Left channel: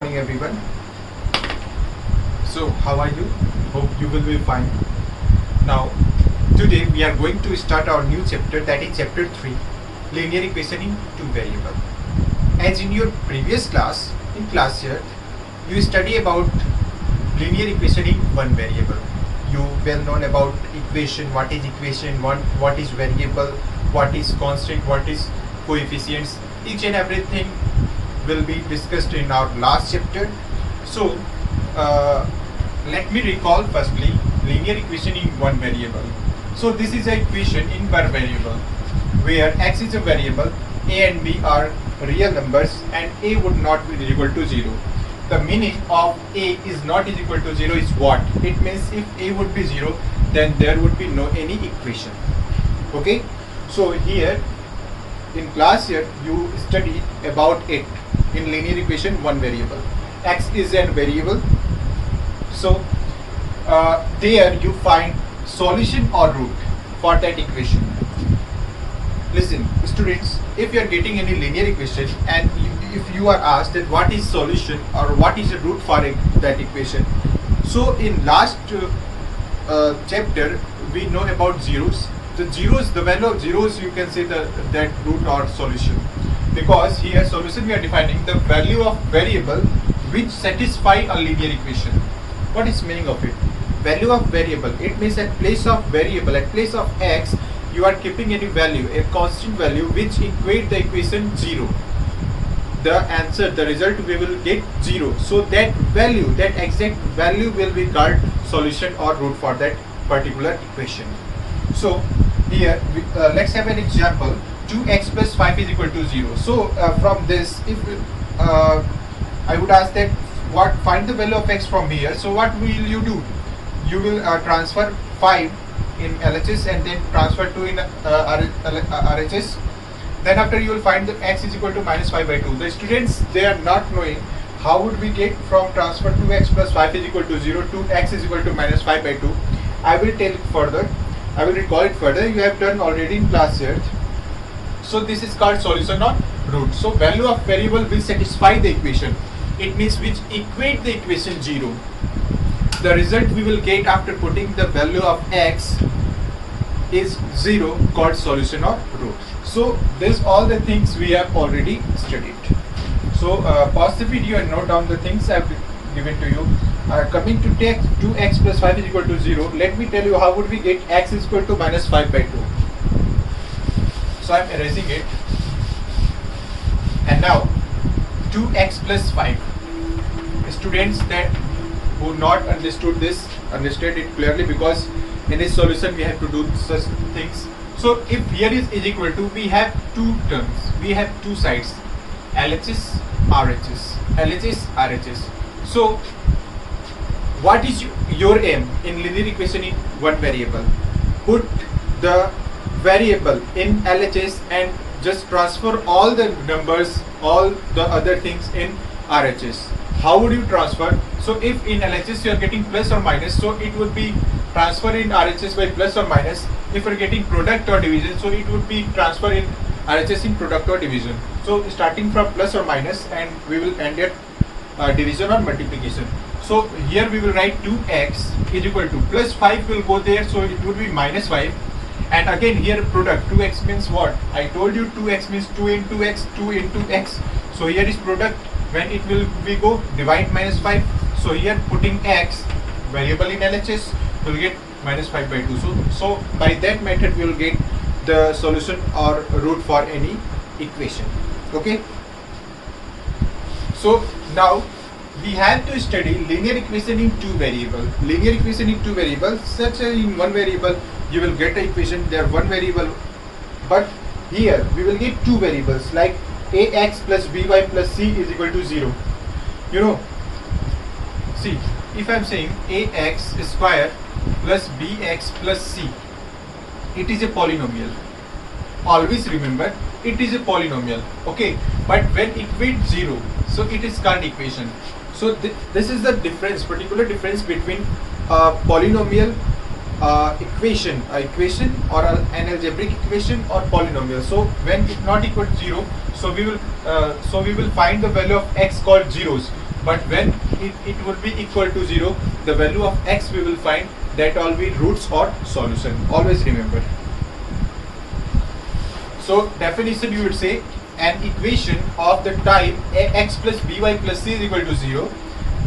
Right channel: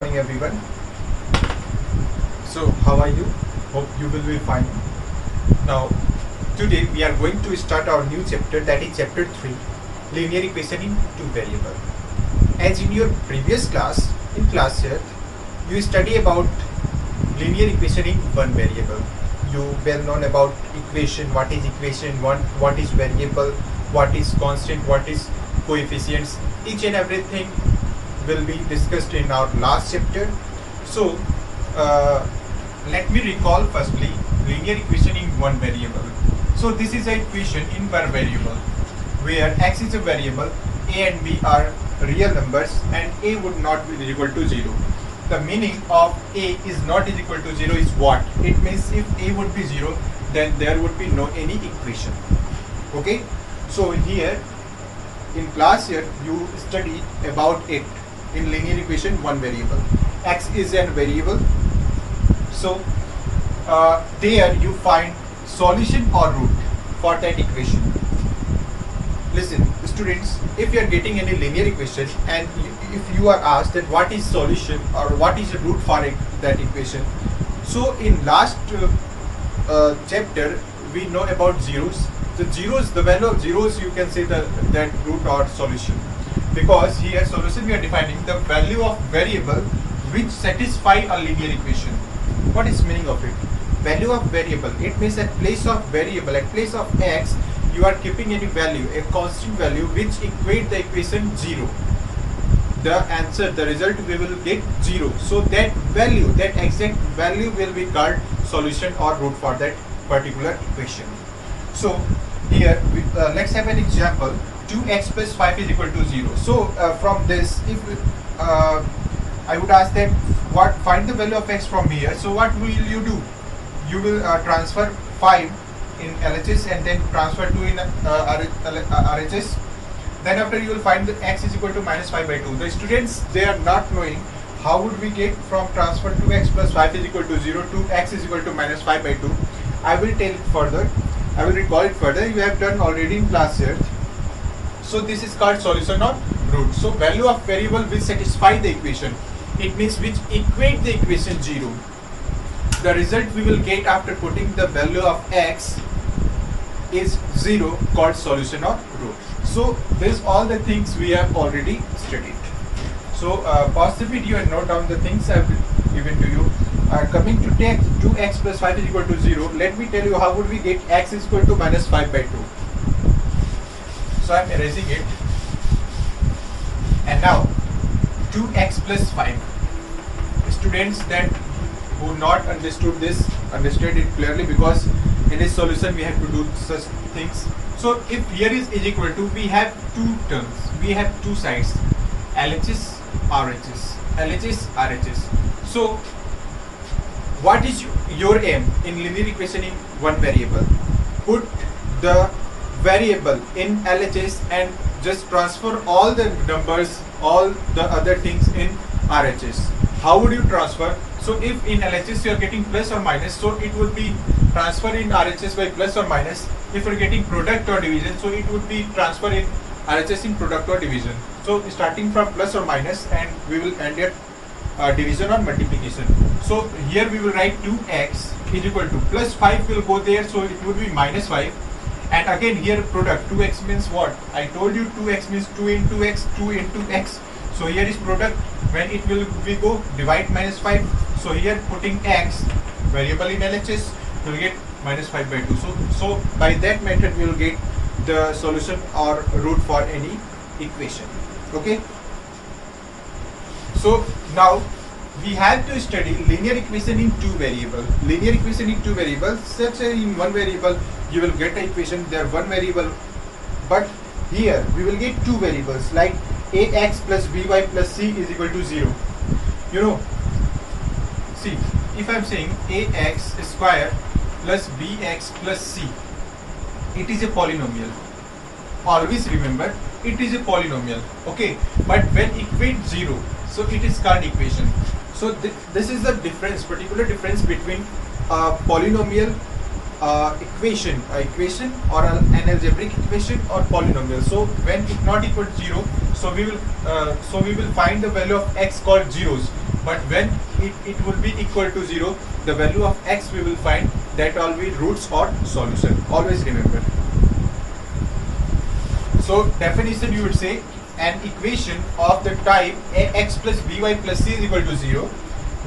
Morning everyone. So how are you? Hope you will be fine. Now today we are going to start our new chapter, that is chapter 3, linear equation in two variable. As in your previous class, in class here, you study about linear equation in one variable. You well known about equation, what is equation, what is variable, what is constant, what is coefficients, each and everything will be discussed in our last chapter. So let me recall firstly linear equation in one variable. So this is an equation in one variable where x is a variable, a and b are real numbers, and a would not be equal to 0. The meaning of a is not is equal to 0 is what? It means if a would be 0, then there would be no any equation. Okay, so here in class here you study about it in linear equation one variable. X is a variable, so there you find solution or root for that equation. Listen students, if you are getting any linear equation and if you are asked that what is solution or what is the root for that equation, so in last chapter we know about zeros. The value of zeros, you can say that root or solution, because here solution we are defining the value of variable which satisfy a linear equation. What is meaning of it? Value of variable, it means at place of variable, at place of x, you are keeping any value, a constant value which equate the equation 0. The answer, the result we will get 0. So that value, that exact value will be called solution or root for that particular equation. So here let's have an example. 2x plus 5 is equal to 0. So from this, if I would ask that find the value of x from here. So what will you do? You will transfer 5 in LHS and then transfer 2 in RHS. Then after you will find the x is equal to minus 5 by 2. The students, they are not knowing how would we get from transfer 2x plus 5 is equal to 0 to x is equal to minus 5 by 2. I will tell it further. I will recall it further. You have done already in class here. So this is called solution or root. So value of variable will satisfy the equation. It means which equate the equation 0. The result we will get after putting the value of x is 0, called solution or root. So this all the things we have already studied. So pause the video and note down the things I have given to you. Coming to take 2x plus 5 is equal to 0, let me tell you how would we get x is equal to minus 5 by 2. So I am erasing it. And now 2x plus 5. Students that who not understood this, understand it clearly, because in this solution we have to do such things. So if here is equal to, we have two terms, we have two sides, LHS, RHS, LHS, RHS. So what is your aim in linear equation in one variable? Put the variable in LHS and just transfer all the numbers, all the other things in RHS. How would you transfer? So if in LHS you are getting plus or minus, so it would be transfer in RHS by plus or minus. If you are getting product or division, so it would be transfer in RHS in product or division. So starting from plus or minus, and we will end at division or multiplication. So here we will write 2x is equal to plus 5 will go there, so it would be minus 5. And again here product, 2x means what? I told you 2x means 2 into x, 2 into x. So here is product, when it will we go divide minus 5. So here putting x, variable in LHS, will get minus 5 by 2. So by that method we will get the solution or root for any equation. Okay. So now we have to study linear equation in two variables. Linear equation in two variables, such as in one variable you will get the equation, there one variable, but here we will get two variables like ax plus by plus c is equal to 0. You know, see, if I am saying ax square plus bx plus c, it is a polynomial. Always remember, it is a polynomial. Okay, but when equate 0, so it is called equation. So this is the difference, particular difference between polynomial equation or an algebraic equation or polynomial. So when it not equal to 0, so we will find the value of x called zeros. but when it will be equal to 0, the value of x we will find that will be roots or solution. Always remember. So definition, you would say an equation of the type ax plus by plus c is equal to 0,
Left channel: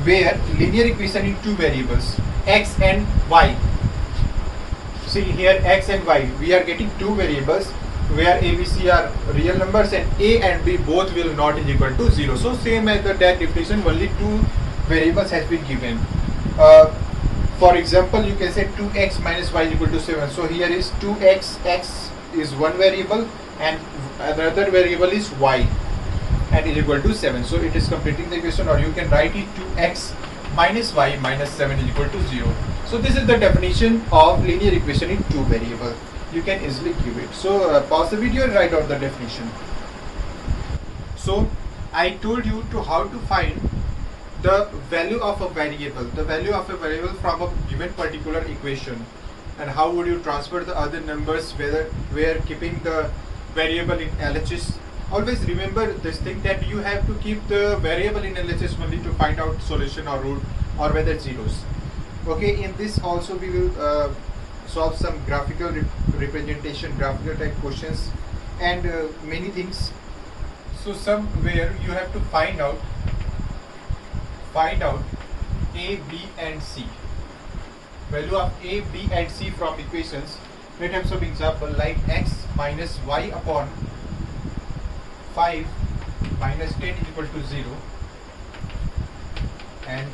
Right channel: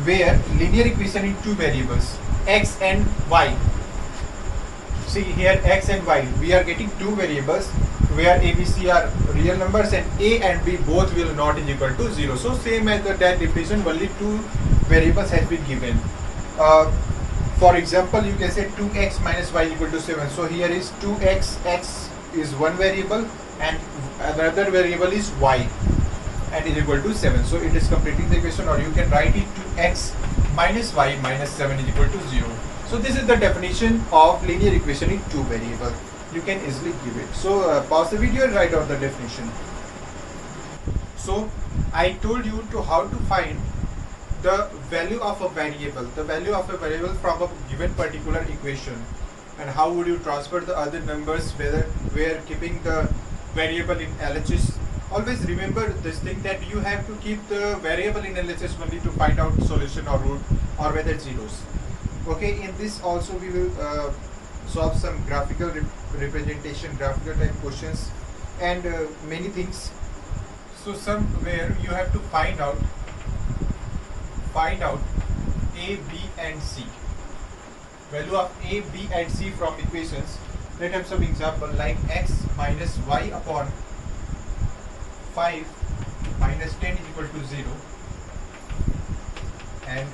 where linear equation in two variables x and y. See here x and y, we are getting two variables where a, b, c are real numbers and a and b both will not is equal to 0. So same as that definition, only two variables has been given. For example, you can say 2x minus y is equal to 7. So here is 2x, x is one variable and another variable is y and is equal to 7. So it is completing the equation, or you can write it 2x minus y minus 7 is equal to 0. So this is the definition of linear equation in two variables. You can easily give it. So pause the video and write out the definition. So I told you to how to find the value of a variable, from a given particular equation, and how would you transfer the other numbers where keeping the variable in LHS. Always remember this thing, that you have to keep the variable in LHS only to find out solution or root or whether zeros. Okay, in this also we will solve some graphical representation, graphical type questions, and many things. So somewhere you have to find out a, b and c, value of a, b and c from equations. Let us have some example like x minus y upon 5 minus 10 is equal to 0, and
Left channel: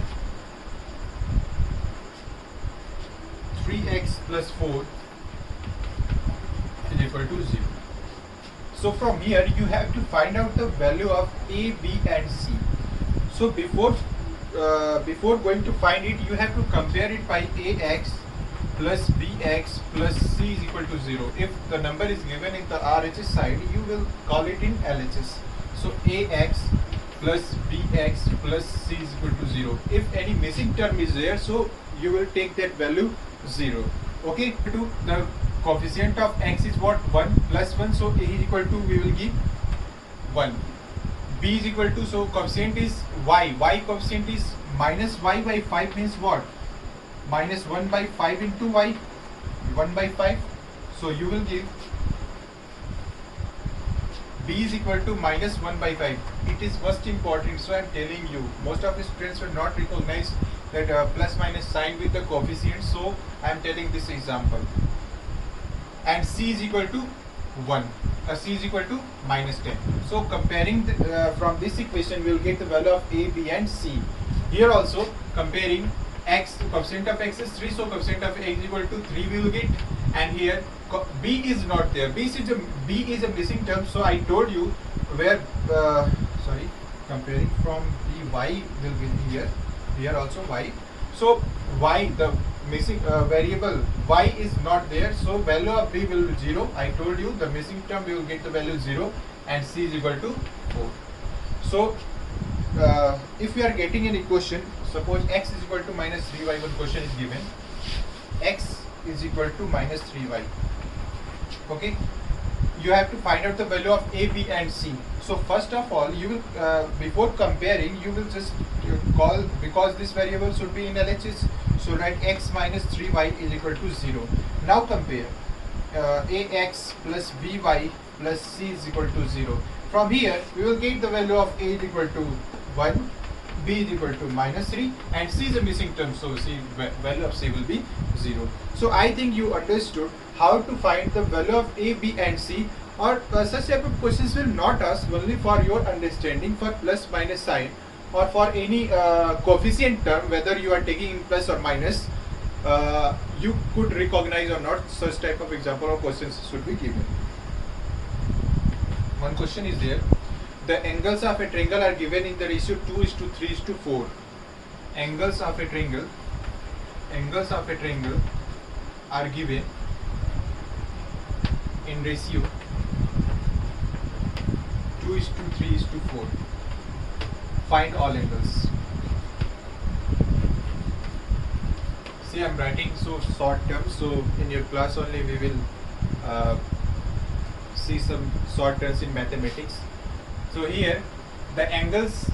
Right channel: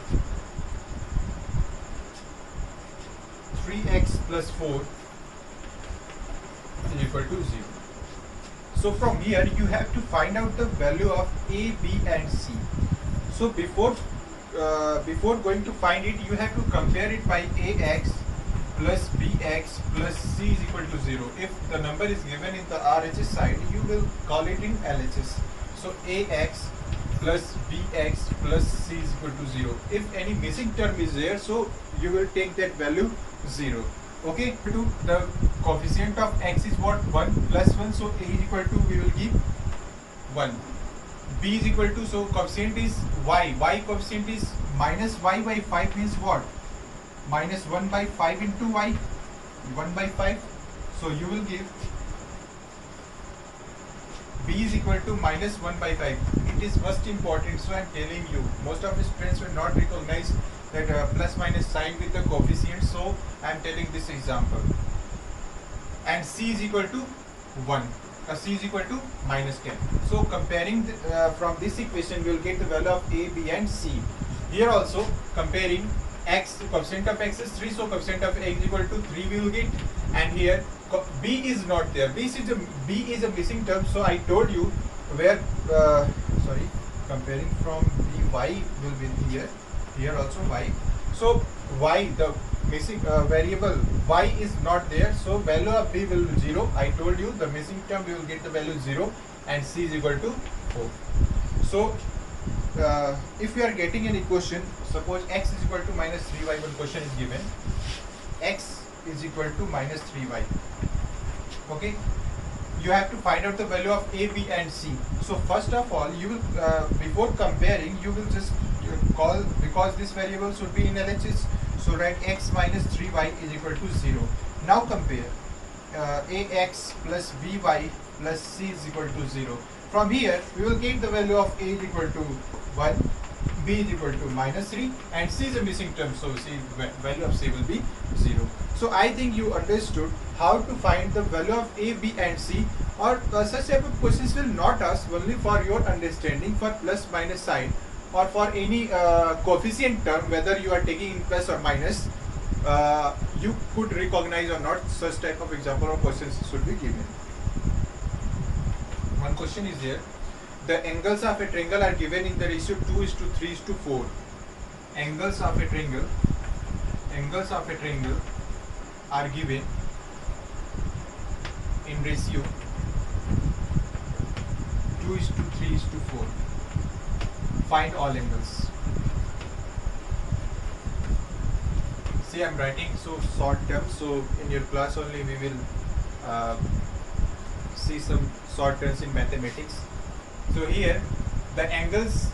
3x plus 4 is equal to 0. So from here you have to find out the value of a, b and c. So before going to find it, you have to compare it by ax plus bx plus c is equal to 0. If the number is given in the RHS side, you will call it in LHS. So ax plus bx plus c is equal to 0. If any missing term is there, so you will take that value 0. Okay, to the coefficient of x is what? 1 plus 1, so a is equal to, we will give 1. B is equal to, so coefficient is y coefficient is minus y by 5 means what? Minus 1 by 5 into y, 1 by 5. So you will give b is equal to minus 1 by 5. It is most important, so I am telling you, most of the students will not recognize that plus minus sign with the coefficient, so I am telling this example. And c is equal to 1, c is equal to minus 10. So comparing from this equation, we will get the value of a, b and c. Here also comparing x, coefficient of x is 3, so coefficient of x is equal to 3 we will get, and here b is not there, b is a missing term, so I told you where comparing from the y will be here also y. So y, the missing variable y is not there, so value of b will be 0. I told you the missing term we will get the value 0, and c is equal to 4. So if we are getting an equation, suppose x is equal to minus 3y, one question is given, x is equal to minus 3y. Okay, you have to find out the value of a, b and c. So first of all, you will before comparing, you will just call, because this variable should be in LHS, so write x minus 3y is equal to 0. Now compare ax plus by plus c is equal to 0. From here we will get the value of a is equal to 1, b is equal to minus 3, and c is a missing term, so c, value of c will be 0. So I think you understood how to find the value of a, b and c, or such type of questions will not ask, only for your understanding, for plus minus sign or for any coefficient term, whether you are taking in plus or minus, you could recognize or not. Such type of example or questions should be given. One question is there, the angles of a triangle are given in the ratio 2:3:4. Angles of a triangle are given in ratio 2:3:4. Find all angles. See, I am writing so short terms, so in your class only we will see some short terms in mathematics. So here the angles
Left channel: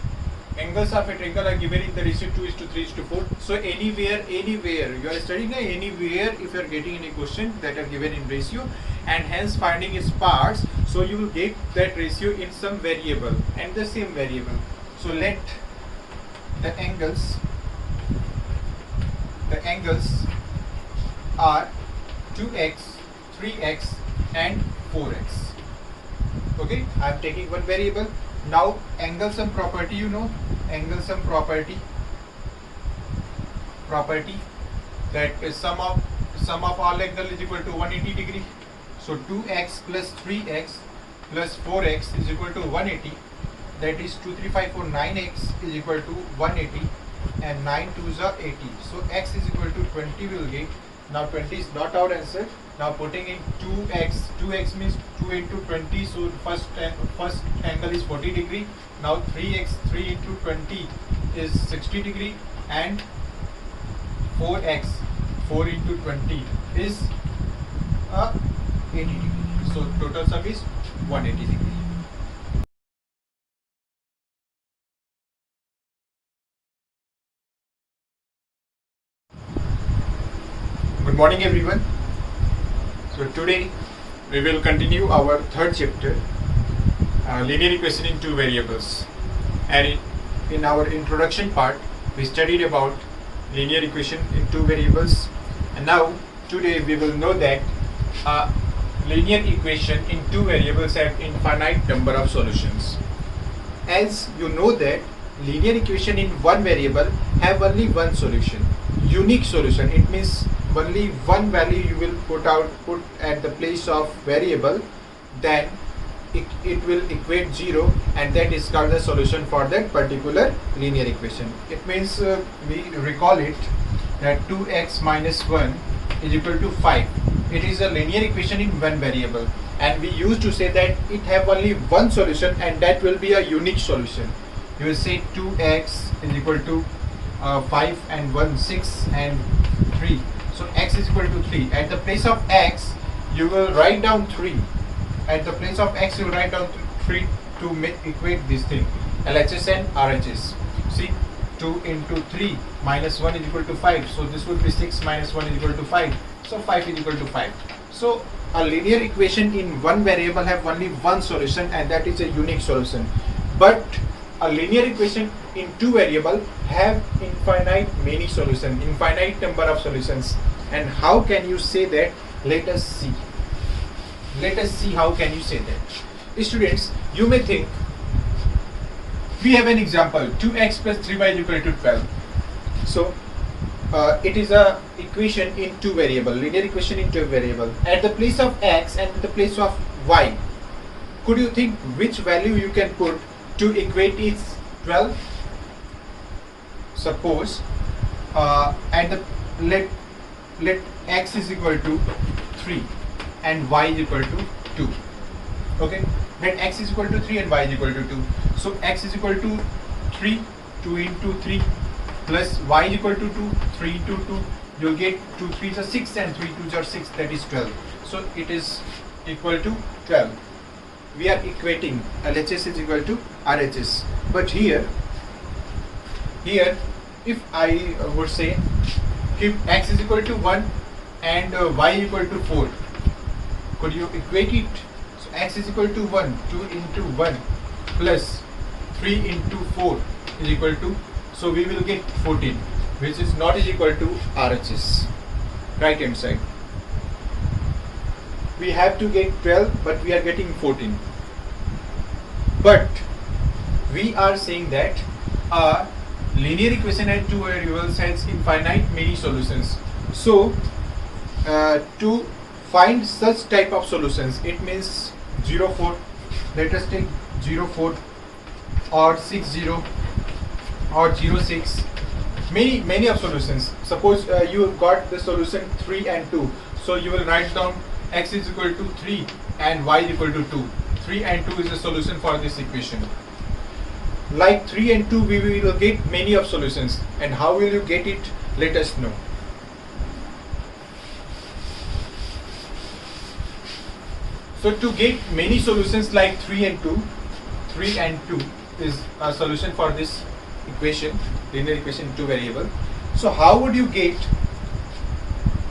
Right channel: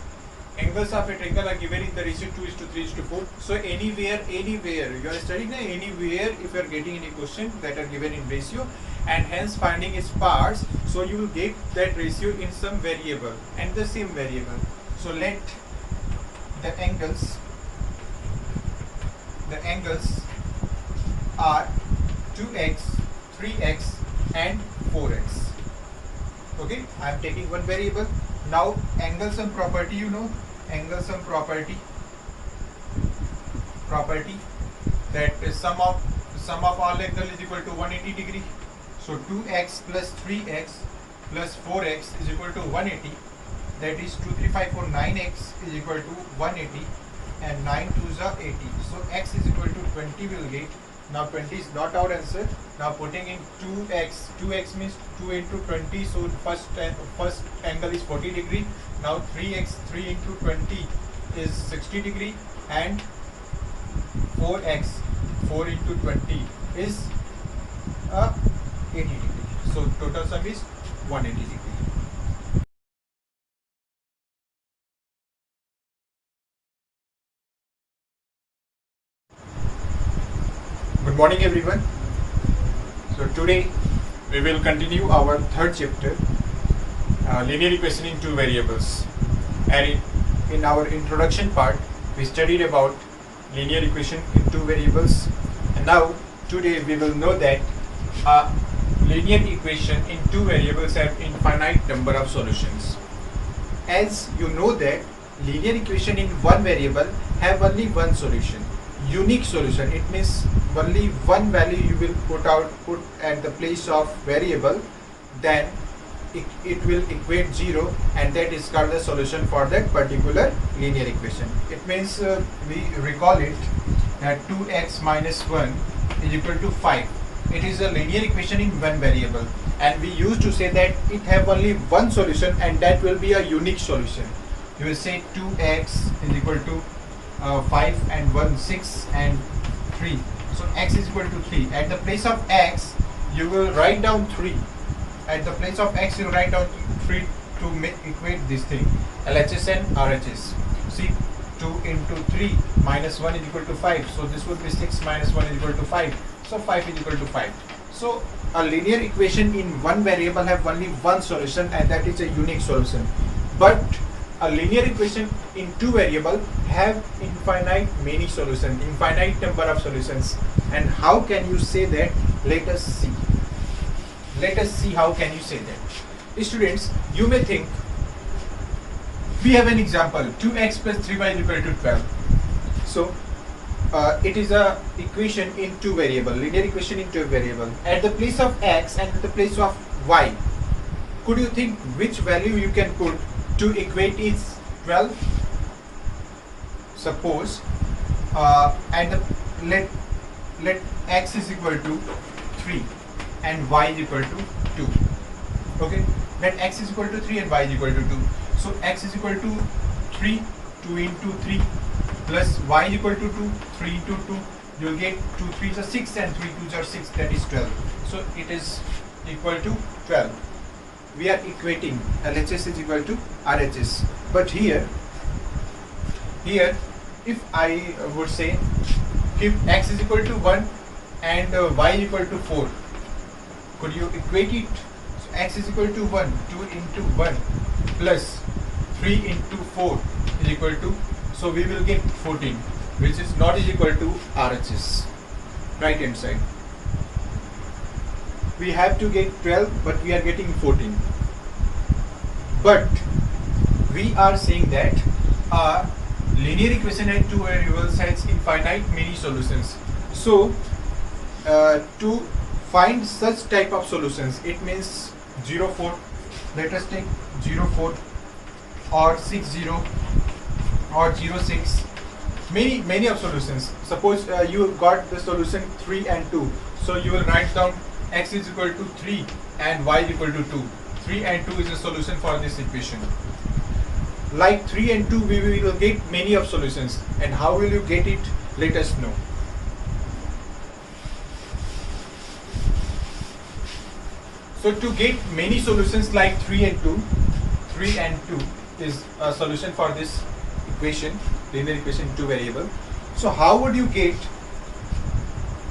angles of a triangle are given in the ratio 2:3:4. So anywhere you are studying anywhere, if you are getting any question that are given in ratio and hence finding its parts, so you will get that ratio in some variable and the same variable. So let the angles are 2x, 3x and 4x. Okay, I am taking one variable. Now angle sum property, you know, angle sum property that is sum of all angle is equal to 180 degree. So 2x plus 3x plus 4x is equal to 180. That is 2, 3, 5, 4, 9x is equal to 180 and 9 2s are 80. So x is equal to 20 will get. Now 20 is not our answer. Now putting in 2x means 2 into 20. So first angle is 40 degree. Now 3x, 3 into 20 is 60 degree and 4x, 4 into 20 is 80 degree. So total sum is 180 degree. Good morning everyone. So today we will continue our third chapter, linear equation in two variables, and in our introduction part we studied about linear equation in two variables, and now today we will know that a linear equation in two variables have infinite number of solutions. As you know that linear equation in one variable have only one solution, unique solution. It means only one value you will put at the place of variable, then it will equate 0, and that is called the solution for that particular linear equation. It means we recall it that 2x minus 1 is equal to 5. It is a linear equation in one variable, and we used to say that it have only one solution and that will be a unique solution. You will say 2x is equal to 5 and 1, 6 and 3. So x is equal to 3. At the place of x, you will write down 3. At the place of x, you will write down 3 to equate this thing. LHS and RHS. See, 2 into 3 minus 1 is equal to 5. So this will be 6 minus 1 is equal to 5. So 5 is equal to 5. So a linear equation in one variable have only one solution, and that is a unique solution. But a linear equation in two variable have infinite many solutions, infinite number of solutions. And how can you say that? Let us see. Let us see how can you say that. Students, you may think we have an example 2x plus 3y is equal to 12. So it is a equation in two variable, linear equation in two variable. At the place of x and at the place of y, could you think which value you can put to equate is 12? Suppose let x is equal to 3 and y is equal to 2. Okay, let x is equal to 3 and y is equal to 2. So x is equal to 3, 2 into 3 plus y is equal to 2, 3 into 2. You will get 2 3s are 6 and 3 2s are 6, that is 12. So it is equal to 12. We are equating LHS is equal to RHS. But here if I would say if x is equal to 1 and y is equal to 4, could you equate it? So x is equal to 1, 2 into 1 plus 3 into 4 is equal to, so we will get 14, which is not is equal to RHS, right hand side. We have to get 12, but we are getting 14. But we are saying that a linear equation and two variables has infinite many solutions. So to find such type of solutions, it means 0, 4. Let us take 0, 4 or 6, 0 or 0, 6. Many of solutions. Suppose you got the solution 3 and 2. So you will write down x is equal to 3 and y is equal to 2. 3 and 2 is a solution for this equation. Like 3 and 2, we will get many of solutions. And how will you get it? Let us know. So to get many solutions like 3 and 2 is a solution for this equation, linear equation in two variable. So how would you get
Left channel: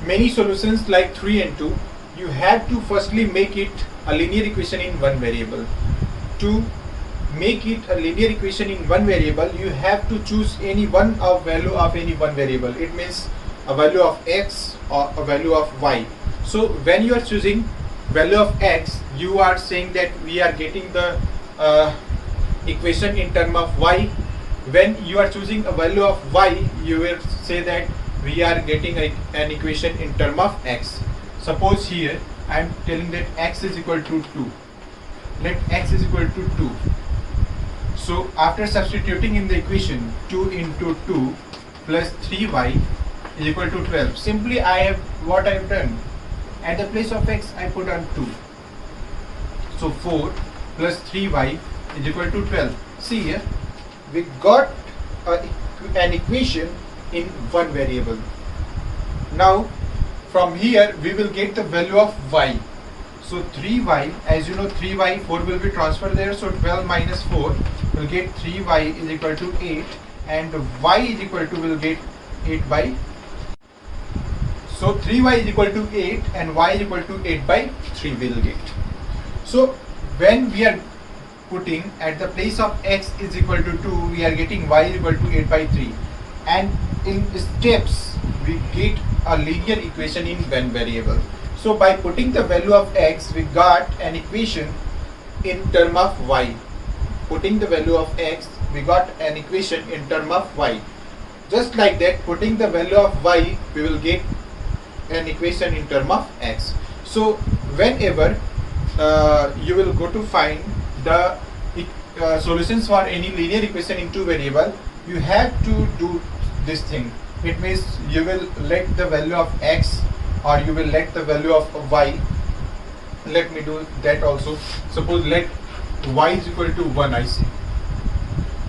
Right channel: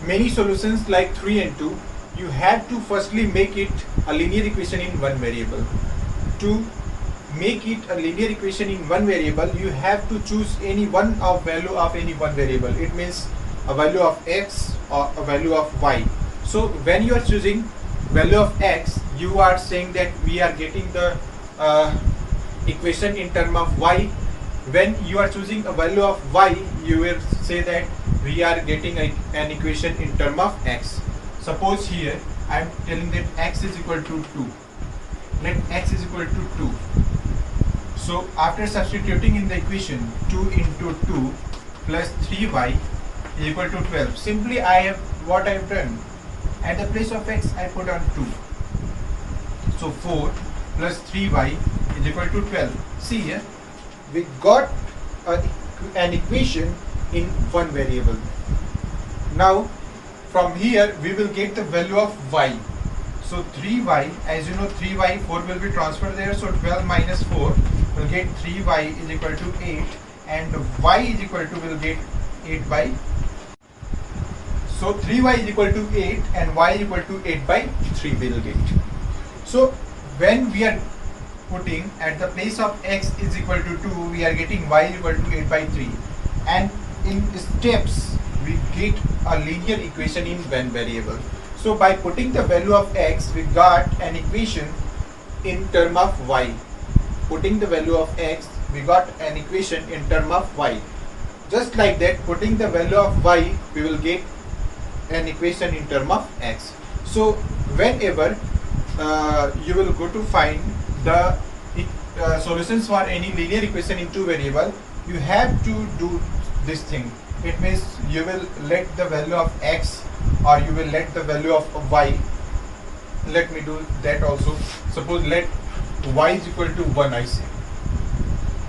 many solutions like 3 and 2? You have to firstly make it a linear equation in one variable. To make it a linear equation in one variable, you have to choose any one of value of any one variable. It means a value of x or a value of y. So when you are choosing value of x, you are saying that we are getting the equation in term of y. When you are choosing a value of y, you will say that we are getting an equation in term of x. Suppose here I am telling that x is equal to 2. Let x is equal to 2. So after substituting in the equation 2 into 2 plus 3y is equal to 12. Simply I have what I have done. At the place of x I put on 2. So 4 plus 3y is equal to 12. See here, we got an equation in one variable. Now from here we will get the value of y. So 3y, as you know 3y, 4 will be transferred there, so 12 minus 4 will get 3y is equal to 8, and y is equal to will get 8 by. So 3y is equal to 8 and y is equal to 8 by 3 we will get. So when we are putting at the place of x is equal to 2, we are getting y is equal to 8 by 3, and in steps we get a linear equation in one variable. So by putting the value of x, we got an equation in term of y. Putting the value of x, we got an equation in term of y. Just like that, putting the value of y, we will get an equation in term of x. So whenever you will go to find the solutions for any linear equation in two variable, you have to do this thing. It means you will let the value of x or you will let the value of y. Let me do that also. Suppose let y is equal to 1, I say.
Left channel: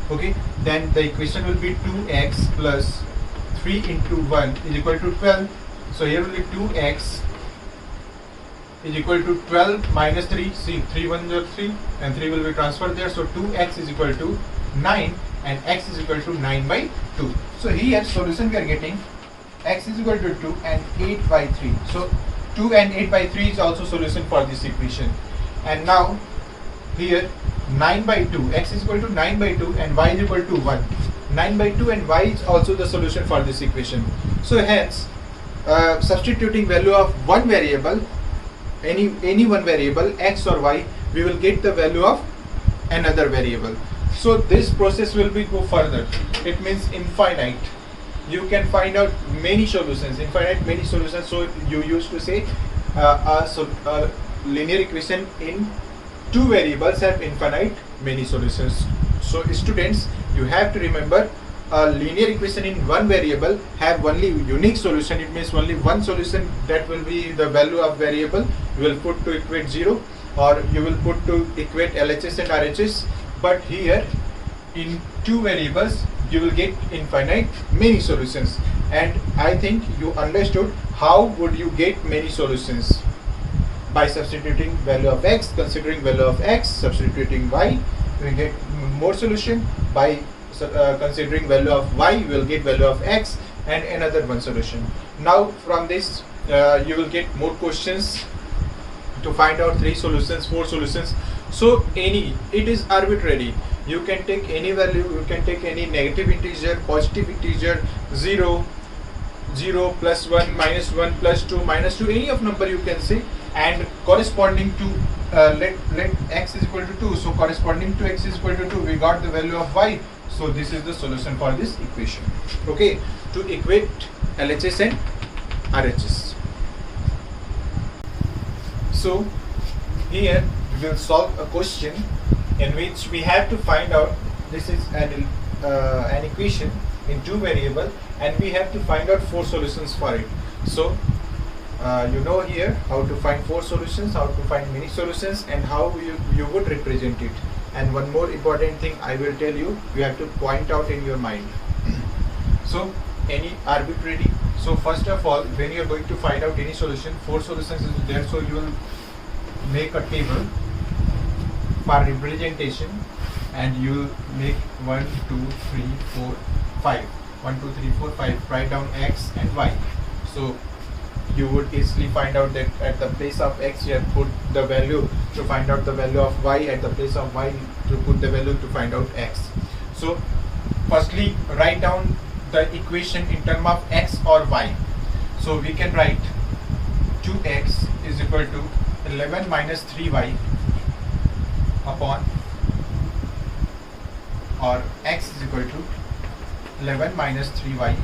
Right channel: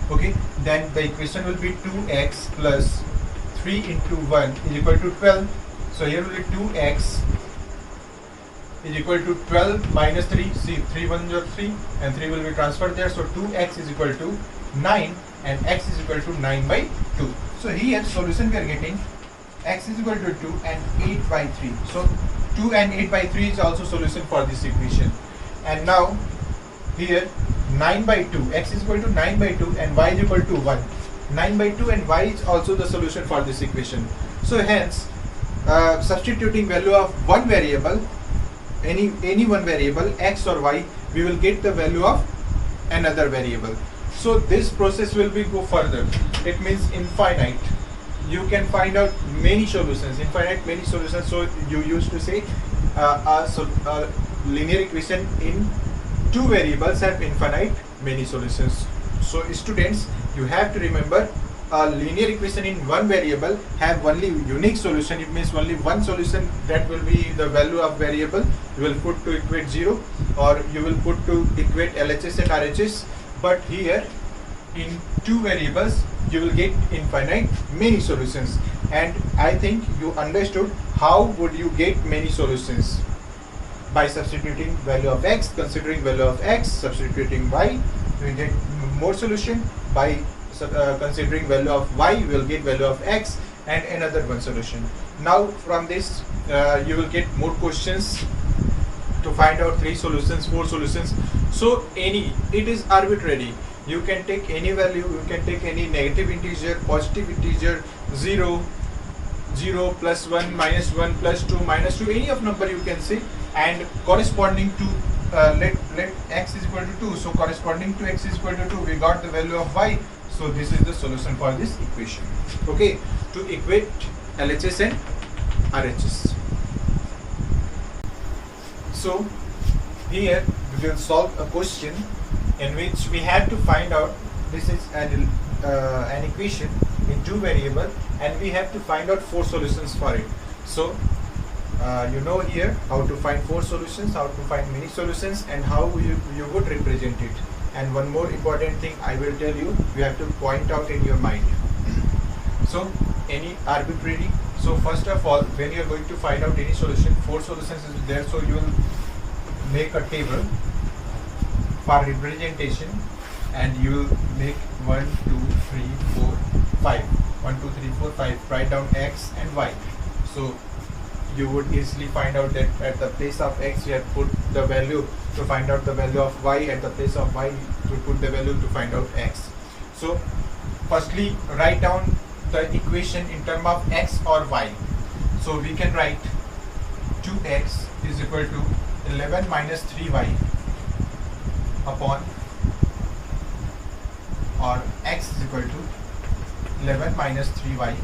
Okay, then the equation will be 2x plus 3 into 1 is equal to 12. So here will be 2x is equal to 12 minus 3. See, 3 1 is 3 and 3 will be transferred there. So 2x is equal to 9 and x is equal to 9 by 2. So here solution we are getting x is equal to 2 and 8 by 3. So 2 and 8 by 3 is also solution for this equation. And now here 9 by 2, x is equal to 9 by 2 and y is equal to 1. 9 by 2 and y is also the solution for this equation. So hence substituting value of one variable, any one variable x or y, we will get the value of another variable. So this process will be go further. It means infinite. You can find out many solutions, infinite many solutions. So you used to say a linear equation in two variables have infinite many solutions. So students, you have to remember a linear equation in one variable have only unique solution. It means only one solution, that will be the value of variable you will put to equate 0 or you will put to equate LHS and RHS. But here in two variables you will get infinite many solutions, and I think you understood how would you get many solutions. By substituting value of x, considering value of x, substituting y, we will get more solution. By considering value of y, we will get value of x and another one solution. Now from this you will get more questions to find out 3 solutions, 4 solutions. So it is arbitrary. You can take any value, you can take any negative integer, positive integer, 0, 0, plus 1, minus 1, plus 2, minus 2, any of number you can say, and corresponding to let x is equal to 2. So corresponding to x is equal to 2, we got the value of y. So this is the solution for this equation. Okay, to equate LHS and RHS. So here we will solve a question in which we have to find out, this is an equation in two variable and we have to find out 4 solutions for it. So you know here how to find 4 solutions, how to find many solutions, and how you would represent it. And one more important thing I will tell you, you have to point out in your mind. So any arbitrary, so first of all, when you are going to find out any solution, 4 solutions is there, so you will make a table for representation. and you make 1, 2, 3, 4, 5. 1, 2, 3, 4, 5. Write down x and y. So you would easily find out that at the place of x you have put the value to find out the value of y, at the place of y you put the value to find out x. So firstly write down the equation in terms of x or y. So we can write 2x is equal to 11 minus 3y upon, or x is equal to 11 minus 3y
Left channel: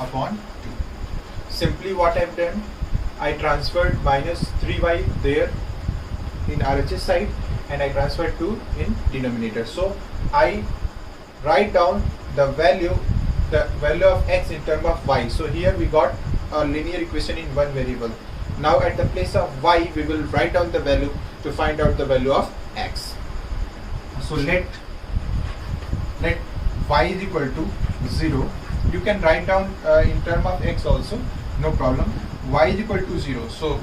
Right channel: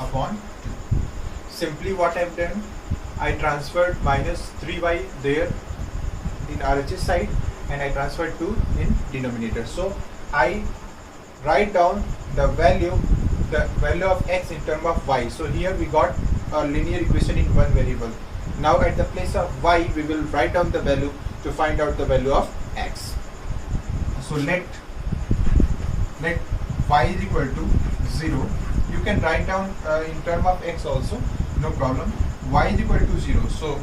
upon 2. Simply what I've done, I transferred minus 3y there in RHS side and I transferred 2 in denominator. So I write down the value of x in terms of y. So here we got a linear equation in one variable. Now at the place of y we will write down the value to find out the value of x. So let y is equal to 0. You can write down in terms of x also, no problem. Y is equal to 0. So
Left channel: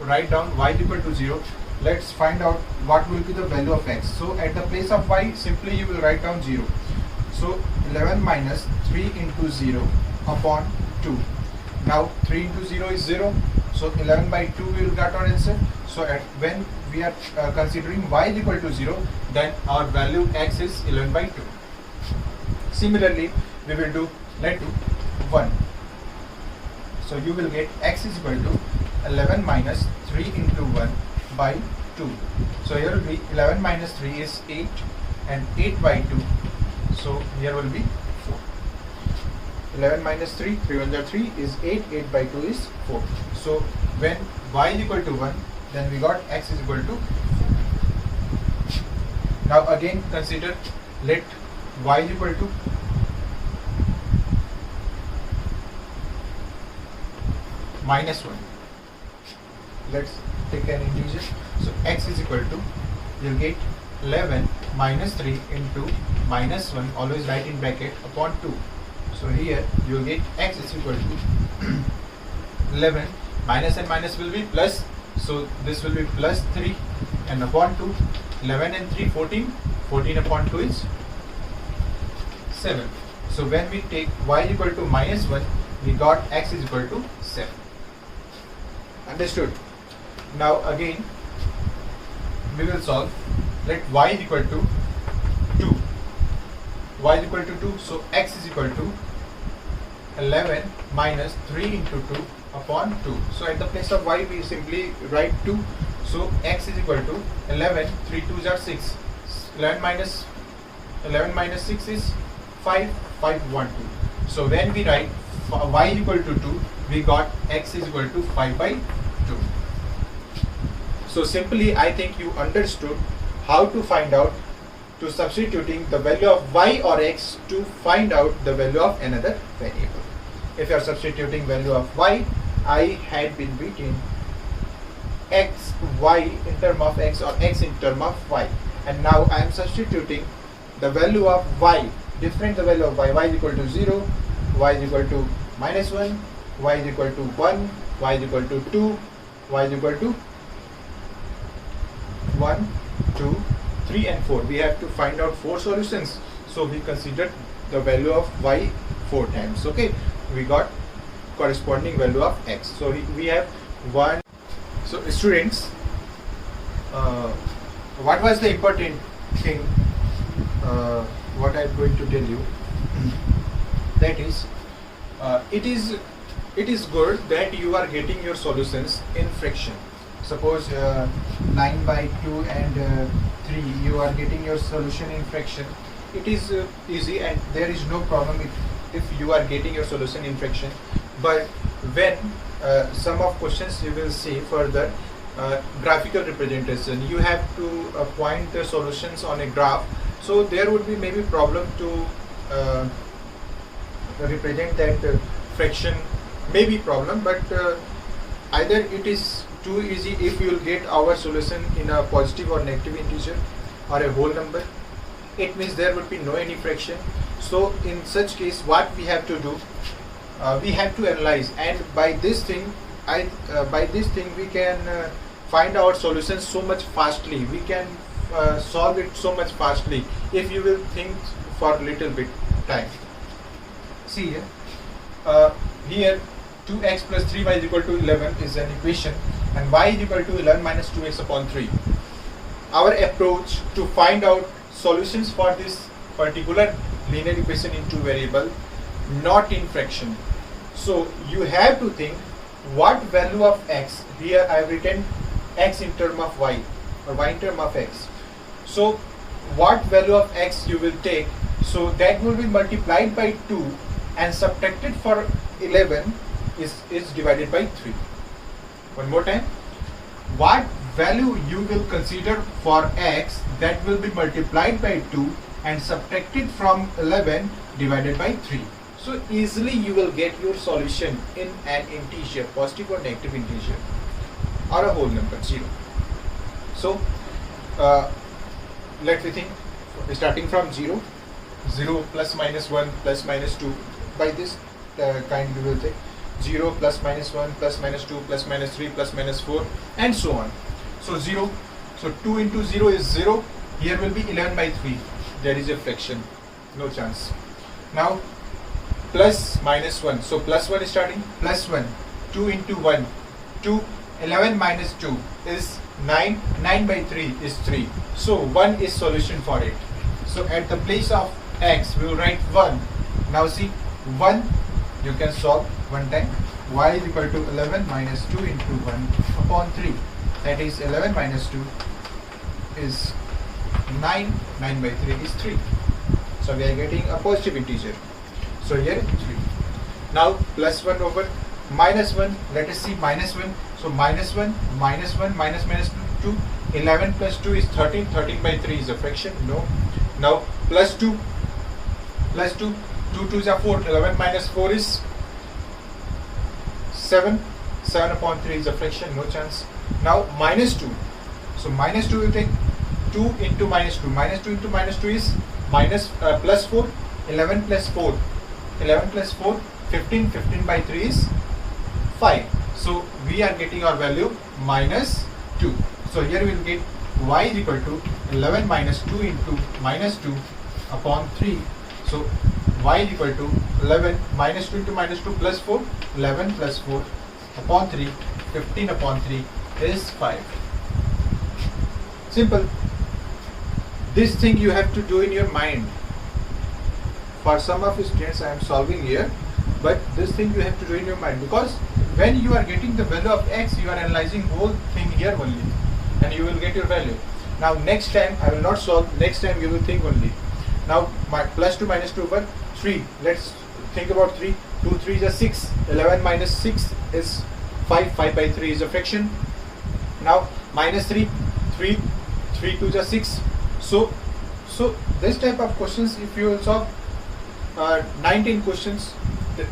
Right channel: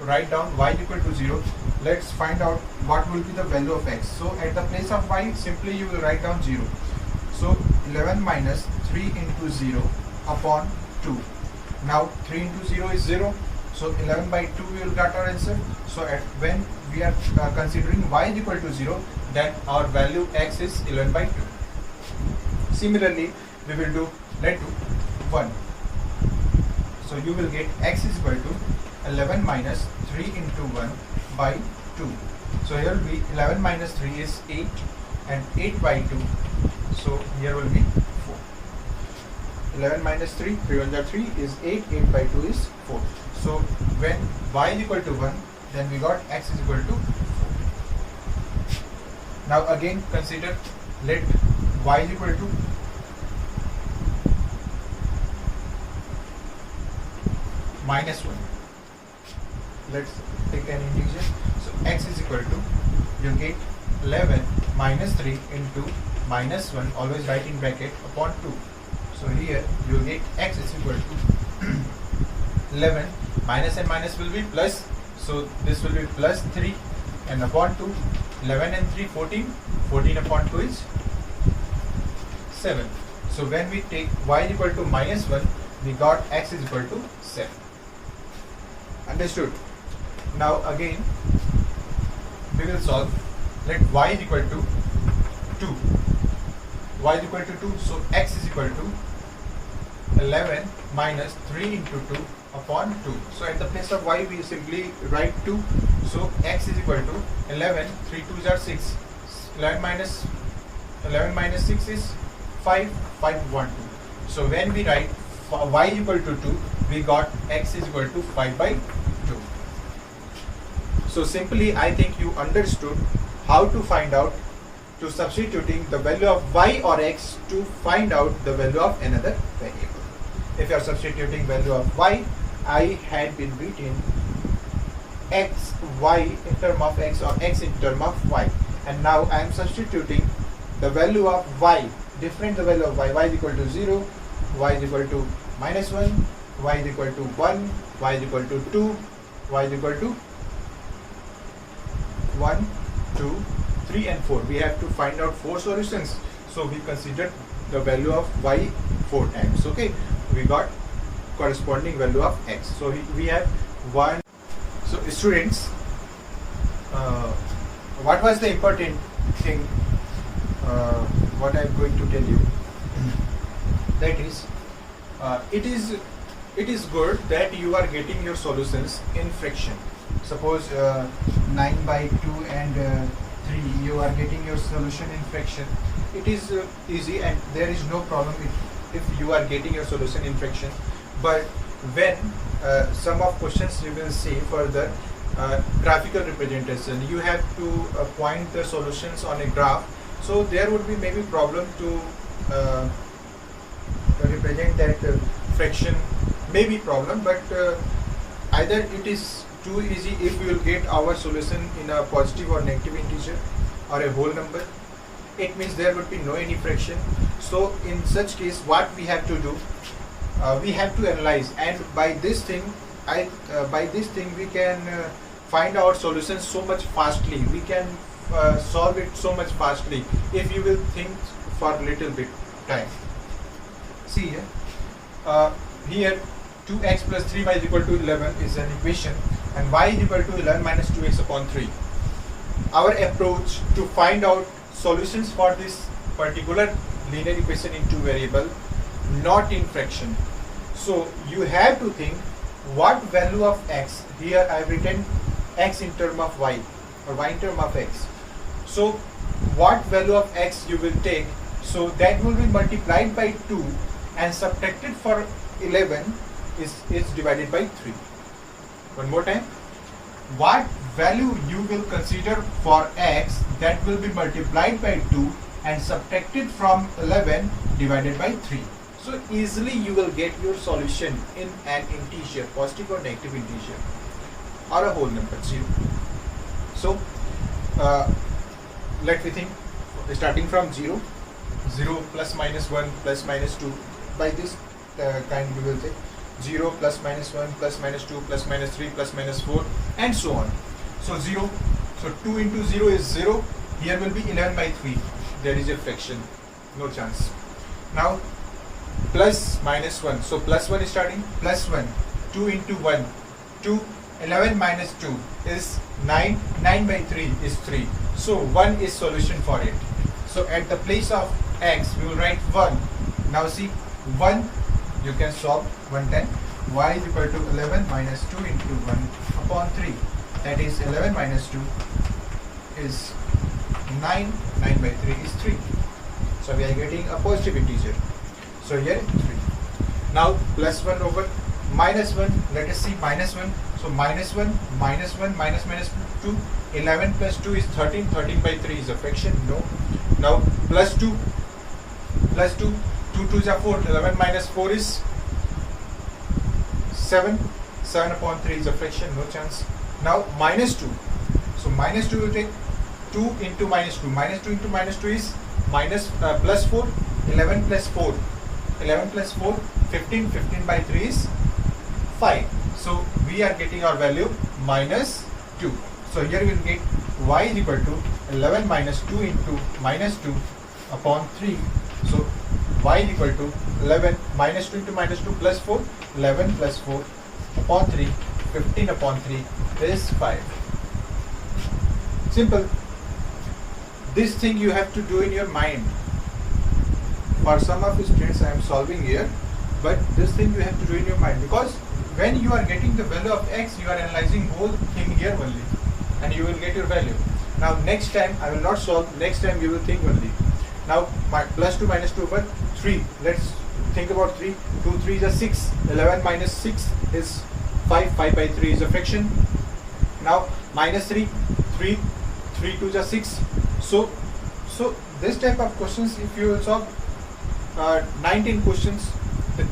write down y is equal to 0. Let's find out what will be the value of x. So at the place of y, simply you will write down 0. So 11 minus 3 into 0 upon 2. Now 3 into 0 is 0. So 11 by 2 we will get our answer. So when we are considering y is equal to 0, then our value x is 11 by 2. Similarly, we will do let do 1. So you will get x is equal to 11 minus 3 into 1 by 2. So here will be 11 minus 3 is 8 and 8 by 2. So here will be 4. 11 minus 3, 3 1 are 3 is 8, 8 by 2 is 4. So when y is equal to 1, then we got x is equal to 4. Now again consider, let y is equal to minus 1. Let's take an integer. So x is equal to, you'll get 11 minus 3 into minus 1, always write in bracket, upon 2. So here you will get x is equal to 11, minus and minus will be plus, so this will be plus 3 and upon 2, 11 and 3, 14, 14 upon 2 is 7. So when we take y is equal to minus 1, we got x is equal to 7. Understood? Now again we will solve. Let y is equal to 2. Y is equal to 2, so x is equal to 11 minus 3 into 2 upon 2. So at the place of y we simply write 2. So x is equal to 11, 3 2s are 6. 11 minus 6 is 5, 5 1 2. So when we write y is equal to 2, we got x is equal to 5 by 2. So simply I think you understood how to find out, to substituting the value of y or x to find out the value of another variable. If you are substituting value of y, I had been written x, y in term of x or x in term of y. And now I am substituting the value of y, different the value of y is equal to 0, y is equal to minus 1, y is equal to 1, y is equal to 2, y is equal to 1, 2, 3 and 4. We have to find out 4 solutions. So we considered the value of y 4 times. Okay, we got corresponding value of x. So we have 1. So students, what was the important thing, what I am going to tell you, that is, it is good that you are getting your solutions in fraction. Suppose 9 by 2 and 3, you are getting your solution in fraction. It is easy and there is no problem if you are getting your solution in fraction. But when some of questions you will see further graphical representation, you have to point the solutions on a graph. So there would be maybe problem to represent that fraction, maybe problem, but either it is too easy if we will get our solution in a positive or negative integer or a whole number. It means there would be no any fraction. So in such case, what we have to do, we have to analyze, and by this thing we can find our solutions so much fastly. We can solve it so much fastly if you will think for a little bit time. See here, here 2x plus 3y is equal to 11 is an equation, and y is equal to 11 minus 2x upon 3. Our approach to find out solutions for this particular linear equation in two variable, not in fraction. So you have to think what value of x. Here I have written x in term of y or y in term of x. So what value of x you will take, so that will be multiplied by 2 and subtracted for 11 is divided by 3. One more time, what value you will consider for x that will be multiplied by 2 and subtracted from 11 divided by 3. So easily you will get your solution in an integer, positive or negative integer, or a whole number, 0. So let me think, starting from 0, 0 plus minus 1 plus minus 2, by this kind we will take 0 plus minus 1 plus minus 2 plus minus 3 plus minus 4 and so on. So 0, so 2 into 0 is 0, here will be 11 by 3, there is a fraction, no chance. Now plus minus 1, so plus 1 is starting, plus 1, 2 into 1, 2, 11 minus 2 is 9, 9 by 3 is 3, so 1 is solution for it. So at the place of x we will write 1. Now see, 1 you can solve one time, y is equal to 11 minus 2 into 1 upon 3, that is 11 minus 2 is 9, 9 by 3 is 3. So we are getting a positive integer. So here 3. Now plus 1 over minus 1, let us see minus 1. So minus 1, minus 1, minus minus 2, 11 plus 2 is 13, 13 by 3 is a fraction, no. Now plus 2, 2 2s are 4, 11 minus 4 is 7, 7 upon 3 is a fraction, no chance. Now minus 2, so minus 2 will take 2 into minus 2, minus 2 into minus 2 is minus plus 4, 11 plus 4, 11 plus 4, 15, 15 by 3 is 5. So we are getting our value minus 2. So here we will get y is equal to 11 minus 2 into minus 2 upon 3. So y is equal to 11 minus 2 into minus 2 plus 4, 11 plus 4 upon 3, 15 upon 3 is 5. Simple. This thing you have to do in your mind. For some of the students I am solving here, but this thing you have to do in your mind, because when you are getting the value of x, you are analyzing whole thing here only and you will get your value. Now next time I will not solve, next time you will think only. Now my plus 2 minus 2 over 3, let's think about 3, 2 3 is 6, 11 minus 6 is 5, 5 by 3 is a fraction. Now minus 3, 3 2 is 6. So this type of questions, if you will solve 19 questions,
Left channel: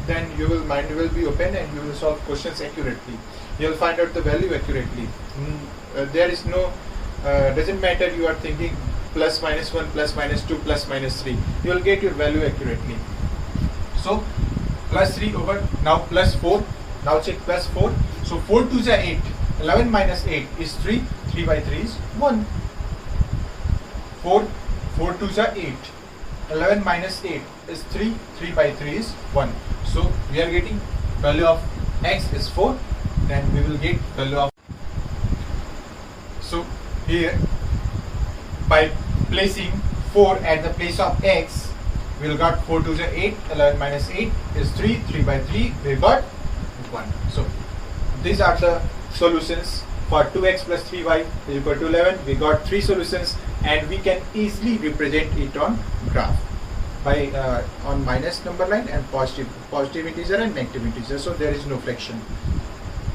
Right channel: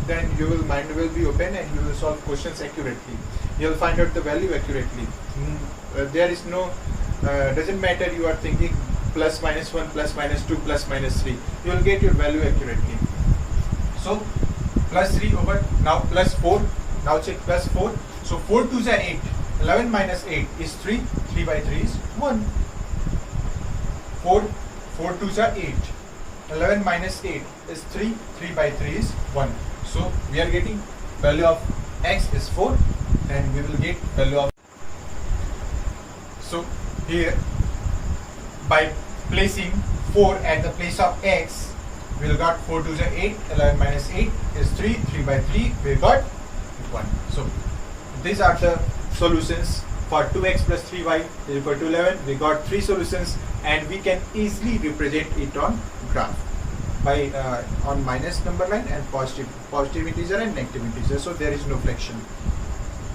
then your mind will be open and you will solve questions accurately. You will find out the value accurately. There is no, doesn't matter you are thinking plus minus 1, plus minus 2, plus minus 3. You will get your value accurately. So plus 3 over, now plus 4. Now check plus 4. So 4 2s are 8. 11 minus 8 is 3. 3 by 3 is 1. 4 2s are 8. 11 minus 8 is 3. 3 by 3 is 1. So we are getting value of x is 4. Then we will get value of. So here, by placing 4 at the place of x, we will got 4 2s are 8. 11 minus 8 is 3. 3 by 3 we got 1. So these are the solutions for 2x plus 3y is equal to 11. We got 3 solutions and we can easily represent it on graph by on minus number line and positive integer and negative integer. So there is no fraction.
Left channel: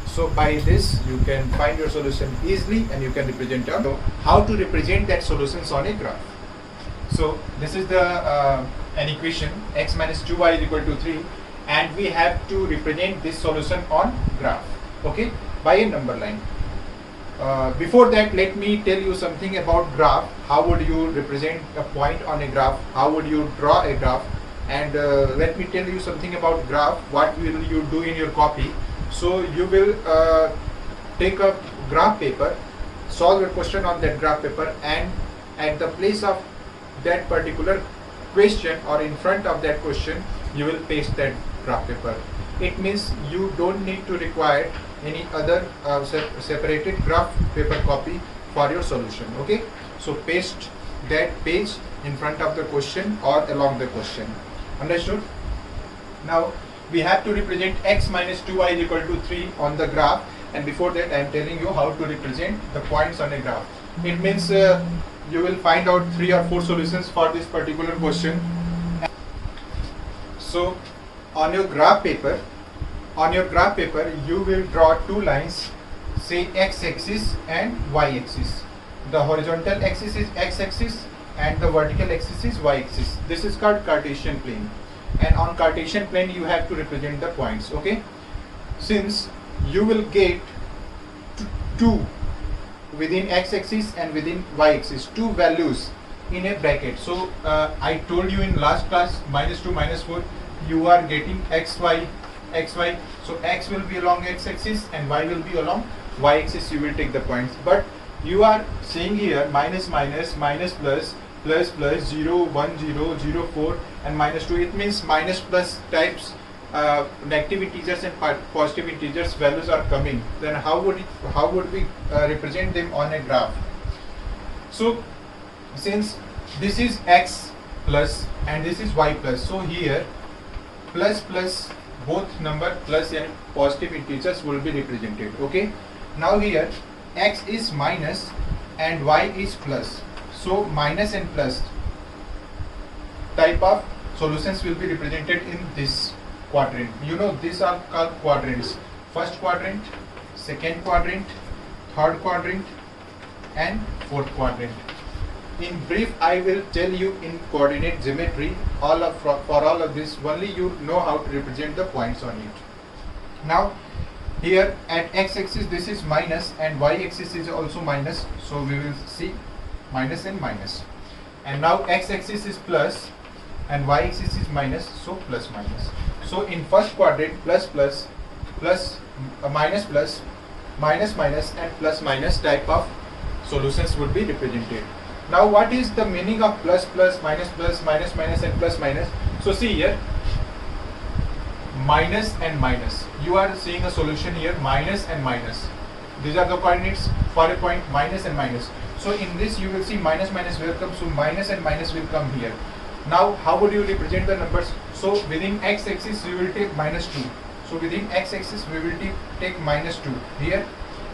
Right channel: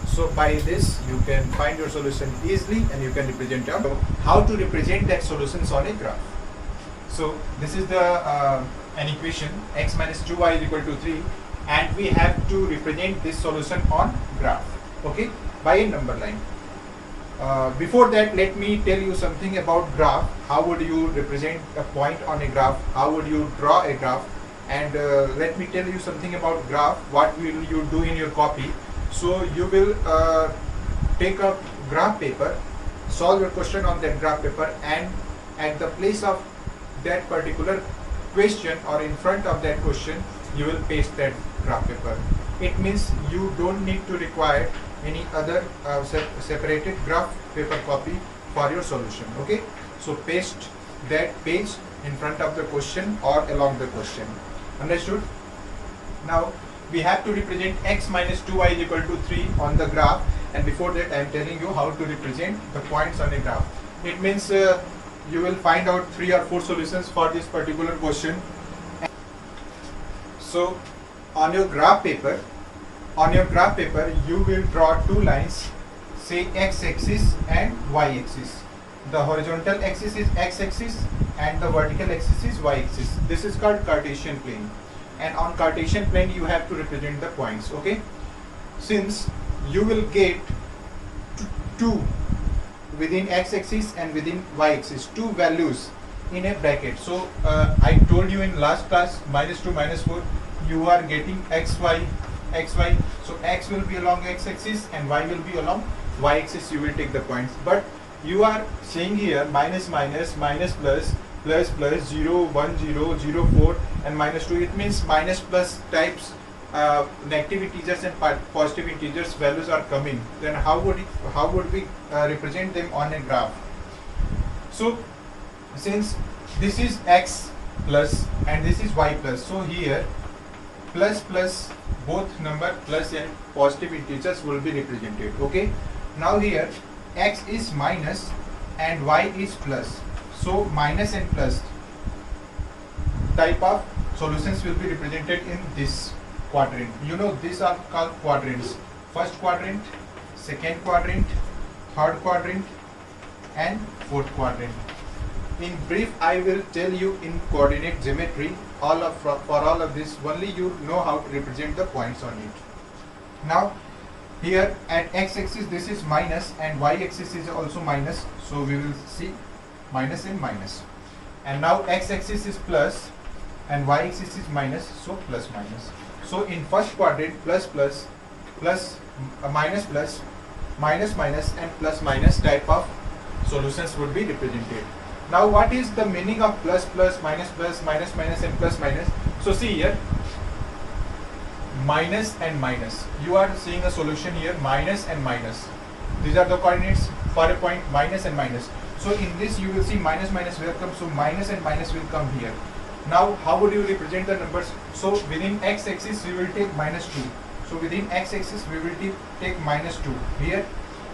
So by this you can find your solution easily and you can represent it. So how to represent that solutions on a graph? So this is the an equation, x minus 2y is equal to 3, and we have to represent this solution on graph, okay, by a number line. Before that, let me tell you something about graph. How would you represent a point on a graph? How would you draw a graph? And let me tell you something about graph. What will you do in your copy? So you will take a graph paper, solve a question on that graph paper, and at the place of that particular question or in front of that question you will paste that graph paper. It means you don't need to require any other separated graph paper copy for your solution. Okay, so paste that page in front of the question or along the question. Understood? Now we have to represent x minus 2y is equal to 3 on the graph, and before that I am telling you how to represent the points on a graph. It means you will find out 3 or 4 solutions for this particular question. So on your graph paper you will draw 2 lines, say x-axis and y-axis. The horizontal axis is x-axis and the vertical axis is y-axis. This is called Cartesian plane, and on Cartesian plane you have to represent the points. Okay, since you will get 2 within x-axis and within y-axis, 2 values in a bracket. So I told you in last class, -2 -4, you are getting xy. So x will be along x-axis and y will be along y-axis. You will take the points, but you are saying here minus minus, minus plus, plus plus, 0 1 0 0 4 and -2. It means minus plus types negative integers and positive integers values are coming. Then how would we represent them on a graph? So since this is x plus and this is y plus, so here plus plus, both number plus and positive integers will be represented. Okay, now here x is minus and y is plus, so minus and plus type of solutions will be represented in this quadrant. You know, these are called quadrants: first quadrant, second quadrant, third quadrant and fourth quadrant. In brief, I will tell you in coordinate geometry for all of this, only you know how to represent the points on it. Now here at x-axis this is minus and y-axis is also minus, so we will see minus and minus. And now x-axis is plus and y-axis is minus, so plus minus. So in first quadrant, plus plus, plus minus plus, minus minus and plus minus type of solutions would be represented. Now what is the meaning of plus plus, minus minus and plus minus? So see here, minus and minus. You are seeing a solution here, minus and minus. These are the coordinates for a point, minus and minus. So in this you will see minus minus will come, so minus and minus will come here. Now how would you represent the numbers? So within x-axis you will take -2. So within x-axis we will take -2 here,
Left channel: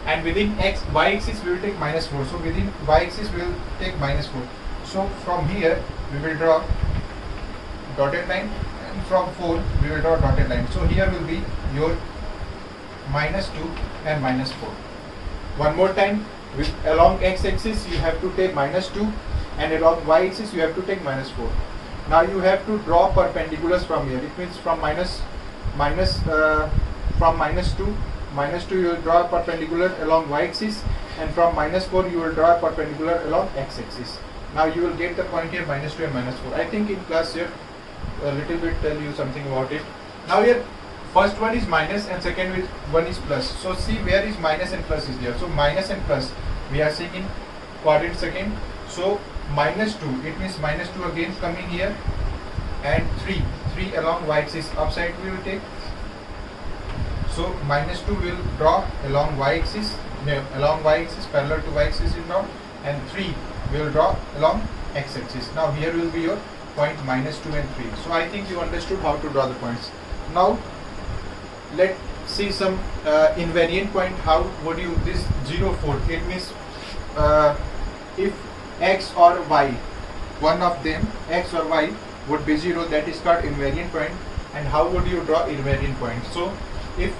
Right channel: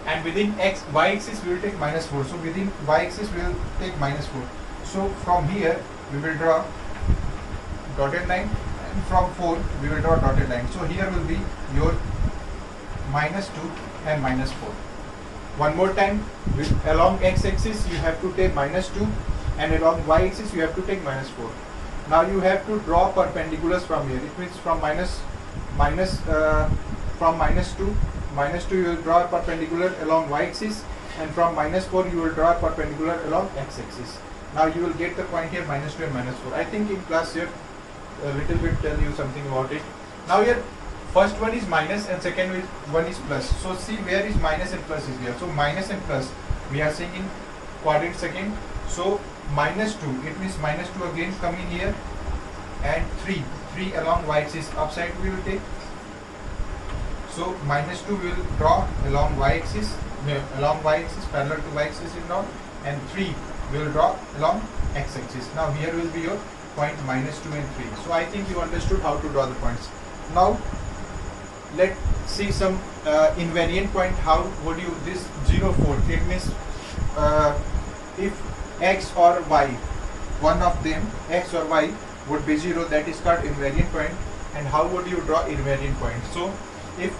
and within y-axis we will take -4. So within y-axis we will take -4. So from here we will draw dotted line, and from 4 we will draw dotted line. So here will be your -2 and -4. One more time, along x-axis you have to take -2 and along y-axis you have to take -4. Now you have to draw perpendiculars from here. It means from -2 you will draw perpendicular along y-axis, and from -4 you will draw perpendicular along x-axis. Now you will get the point here -2 and -4. I think in class here a little bit tell you something about it. Now here first one is minus and second one is plus. So see where is minus and plus is there. So minus and plus we are seeing in quadrant second. So -2, it means -2 again coming here, and 3 along y-axis upside we will take. So -2 will draw along y-axis, parallel to y-axis is drawn, and 3 will draw along x-axis. Now here will be your point -2 and 3. So I think you understood how to draw the points. Now let's see some invariant point. How would you this 0 4? It means if x or y, one of them, x or y would be 0, that is called invariant point. And how would you draw invariant point? So if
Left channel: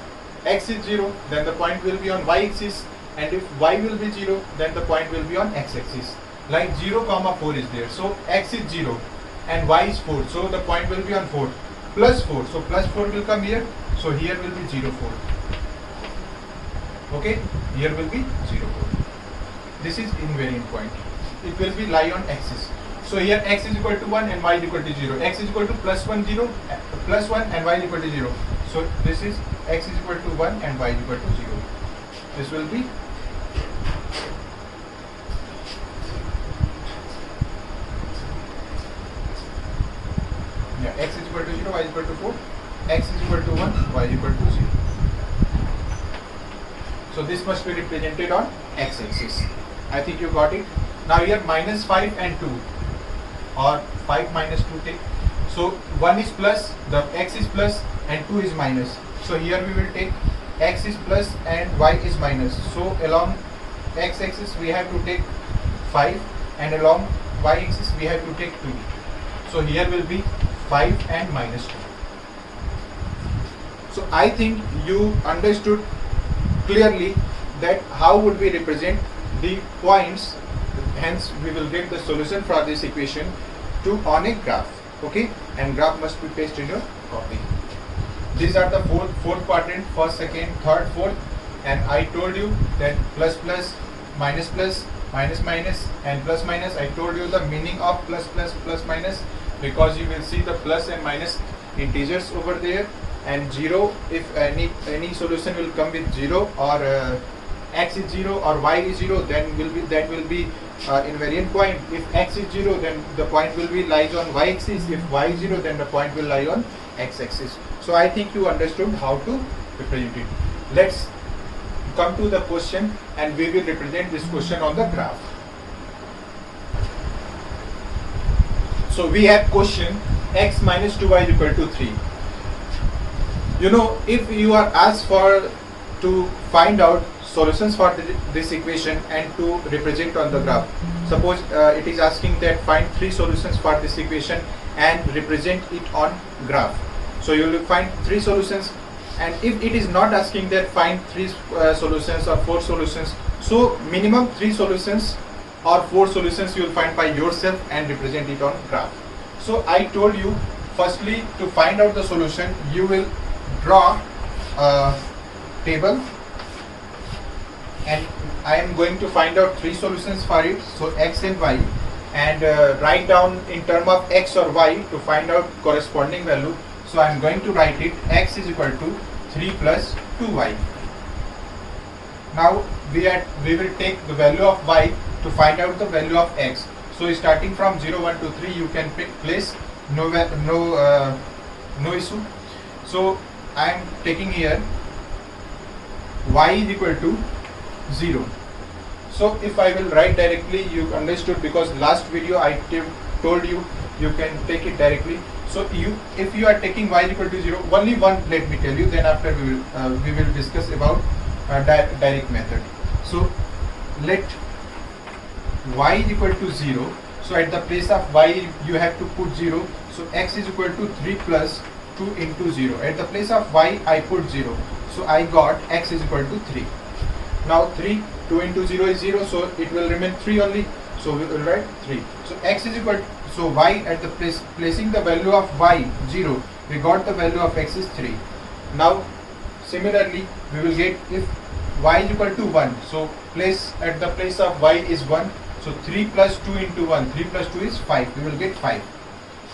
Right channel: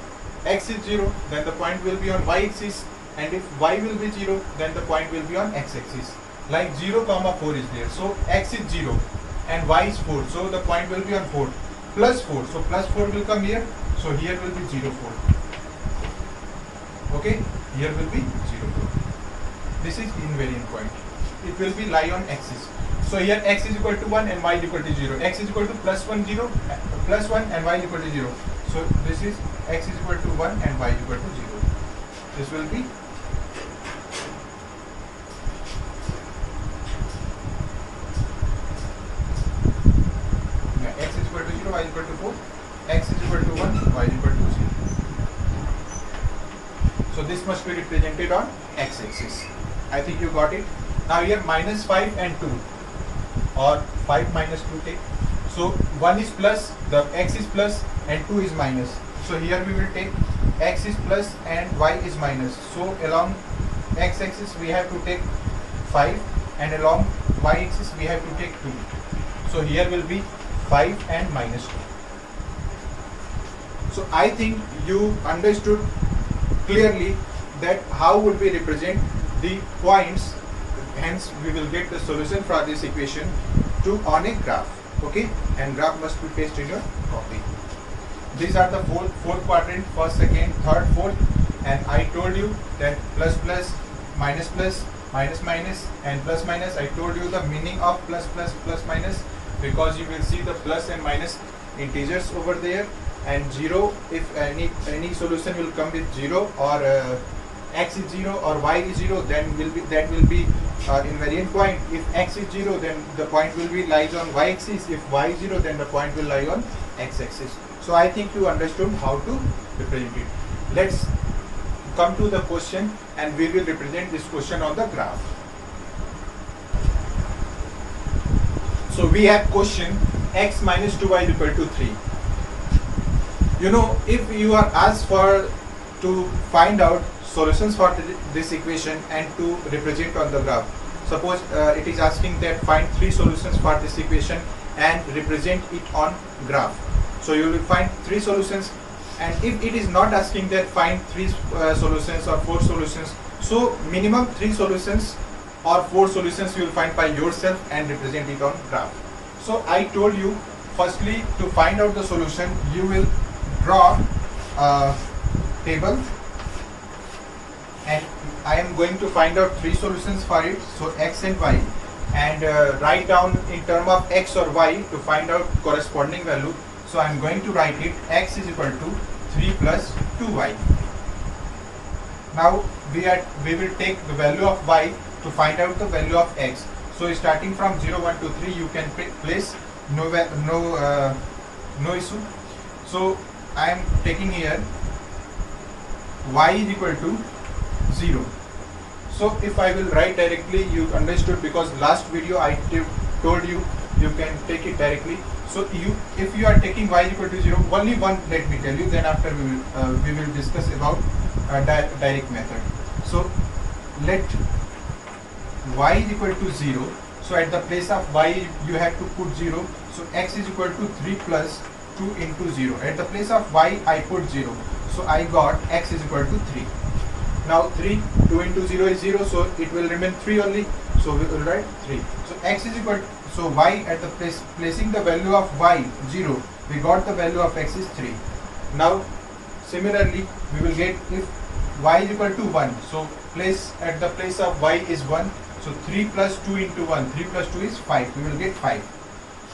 x is 0, then the point will be on y-axis, and if y will be 0, then the point will be on x-axis. Like 0, 4 is there, so x is 0 and y is 4, so the point will be on 4. Plus 4, so plus 4 will come here, so here will be 0 4. Okay, here will be 0 4. This is invariant point. It will be lie on axis. So here x is equal to 1 and y is equal to 0. X is equal to plus 1 and y is equal to 0. So this is x is equal to 1 and y is equal to 0. This will be y is equal to 4, x is equal to 1, y is equal to 0. So this must be represented on x-axis. I think you got it. Now here minus 5 and 2, or 5 minus 2 take. So 1 is plus, the x is plus and 2 is minus. So here we will take x is plus and y is minus. So along x-axis we have to take 5 and along y-axis we have to take 2. So here will be 5 and minus 2. So I think you understood clearly that how would we represent the points, hence we will get the solution for this equation to on a graph. Okay, and graph must be pasted in your copy. These are the four quadrant, first, second, third, fourth, and I told you that plus plus, minus plus, minus minus, and plus minus. I told you the meaning of plus plus, plus minus, because you will see the plus and minus integers over there, and 0 if any solution will come with 0, or x is 0 or y is 0, then that will be invariant point. If x is 0, then the point will be lies on y-axis. If y is 0, then the point will lie on x-axis. So I think you understood how to represent it. Let's come to the question, and we will represent this question on the graph. So we have question x minus 2y is equal to 3. You know, if you are asked to find out solutions for this equation and to represent on the graph, suppose it is asking that find 3 solutions for this equation and represent it on graph. So you will find 3 solutions, and if it is not asking that find 3 solutions or 4 solutions, so minimum 3 solutions or 4 solutions you will find by yourself and represent it on graph. So I told you, firstly, to find out the solution, you will draw a table, and I am going to find out 3 solutions for it, so x and y, and write down in term of x or y to find out corresponding value. So I am going to write it, x is equal to 3 plus 2y. Now we will take the value of y to find out the value of x. So starting from 0, 1, 2, 3, you can place no issue. So I am taking here y is equal to 0. So if I will write directly, you understood, because last video I told you can take it directly. So if you are taking y is equal to 0, only one, let me tell you, then after we will discuss about direct method. So let y is equal to 0. So at the place of y you have to put 0. So x is equal to 3 plus 2 into 0. At the place of y I put 0. So I got x is equal to 3. Now 3, 2 into 0 is 0, so it will remain 3 only. So we will write 3. So x is equal to, so y at the placing the value of y 0, we got the value of x is 3. Now similarly we will get, if y is equal to 1, so place at the place of y is 1, so 3 plus 2 into 1, 3 plus 2 is 5, we will get 5.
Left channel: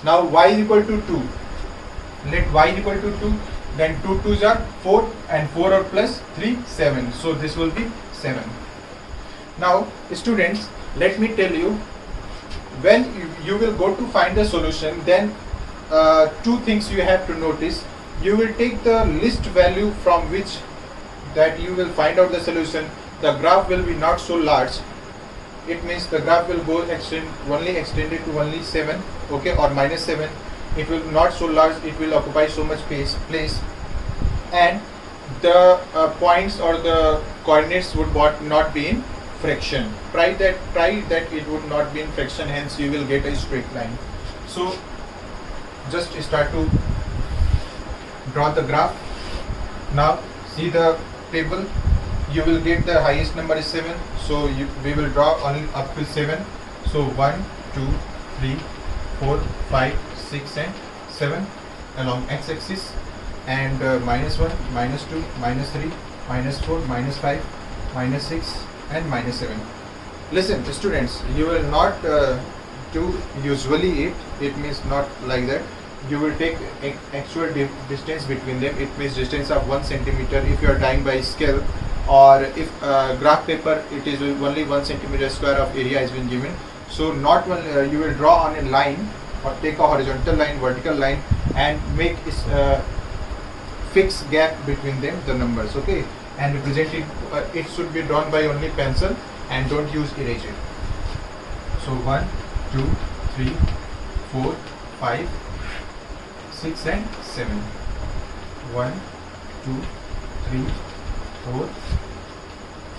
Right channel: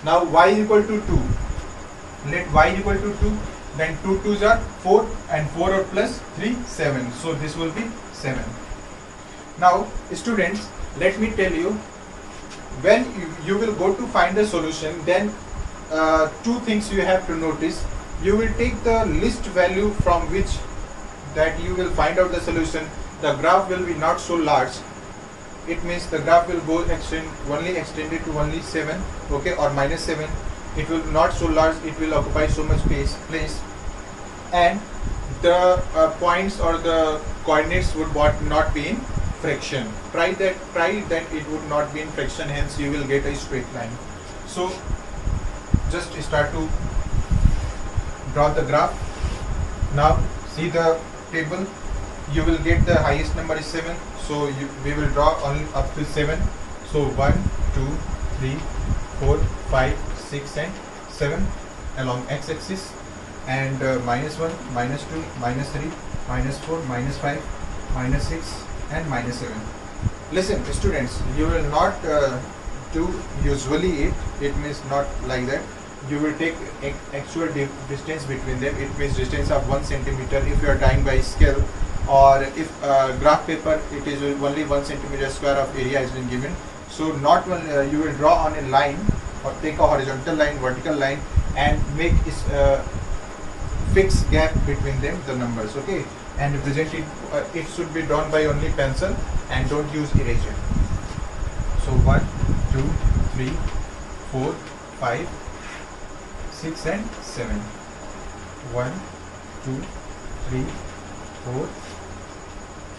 Now y is equal to 2, let y is equal to 2, then 2 2s are 4, and 4 or plus 3, 7, so this will be 7. Now students, let me tell you, when you will go to find the solution, then 2 things you have to notice. You will take the least value from which that you will find out the solution. The graph will be not so large. It means the graph will go extended to only 7, okay, or minus 7. It will not so large, it will occupy so much place, and the points or the coordinates would not be in fraction. Try that it would not be in fraction, hence you will get a straight line. So just start to draw the graph. Now see the table, you will get the highest number is 7, so we will draw only up to 7. So 1, 2, 3, 4, 5, 6 and 7 along x-axis, and minus 1, minus 2, minus 3, minus 4, minus 5, minus 6 and minus 7. Listen students, you will not do usually it means not like that. You will take actual distance between them. It means distance of 1 centimeter if you are dying by scale, or if graph paper, it is only 1 centimeter square of area has been given. So not one, you will draw on a line, or take a horizontal line, vertical line, and make fixed gap between them, the numbers, okay, and represent it. It should be drawn by only pencil and don't use eraser. So 1, 2, 3, 4, 5, 6 and 7. 1, 2, 3, 4,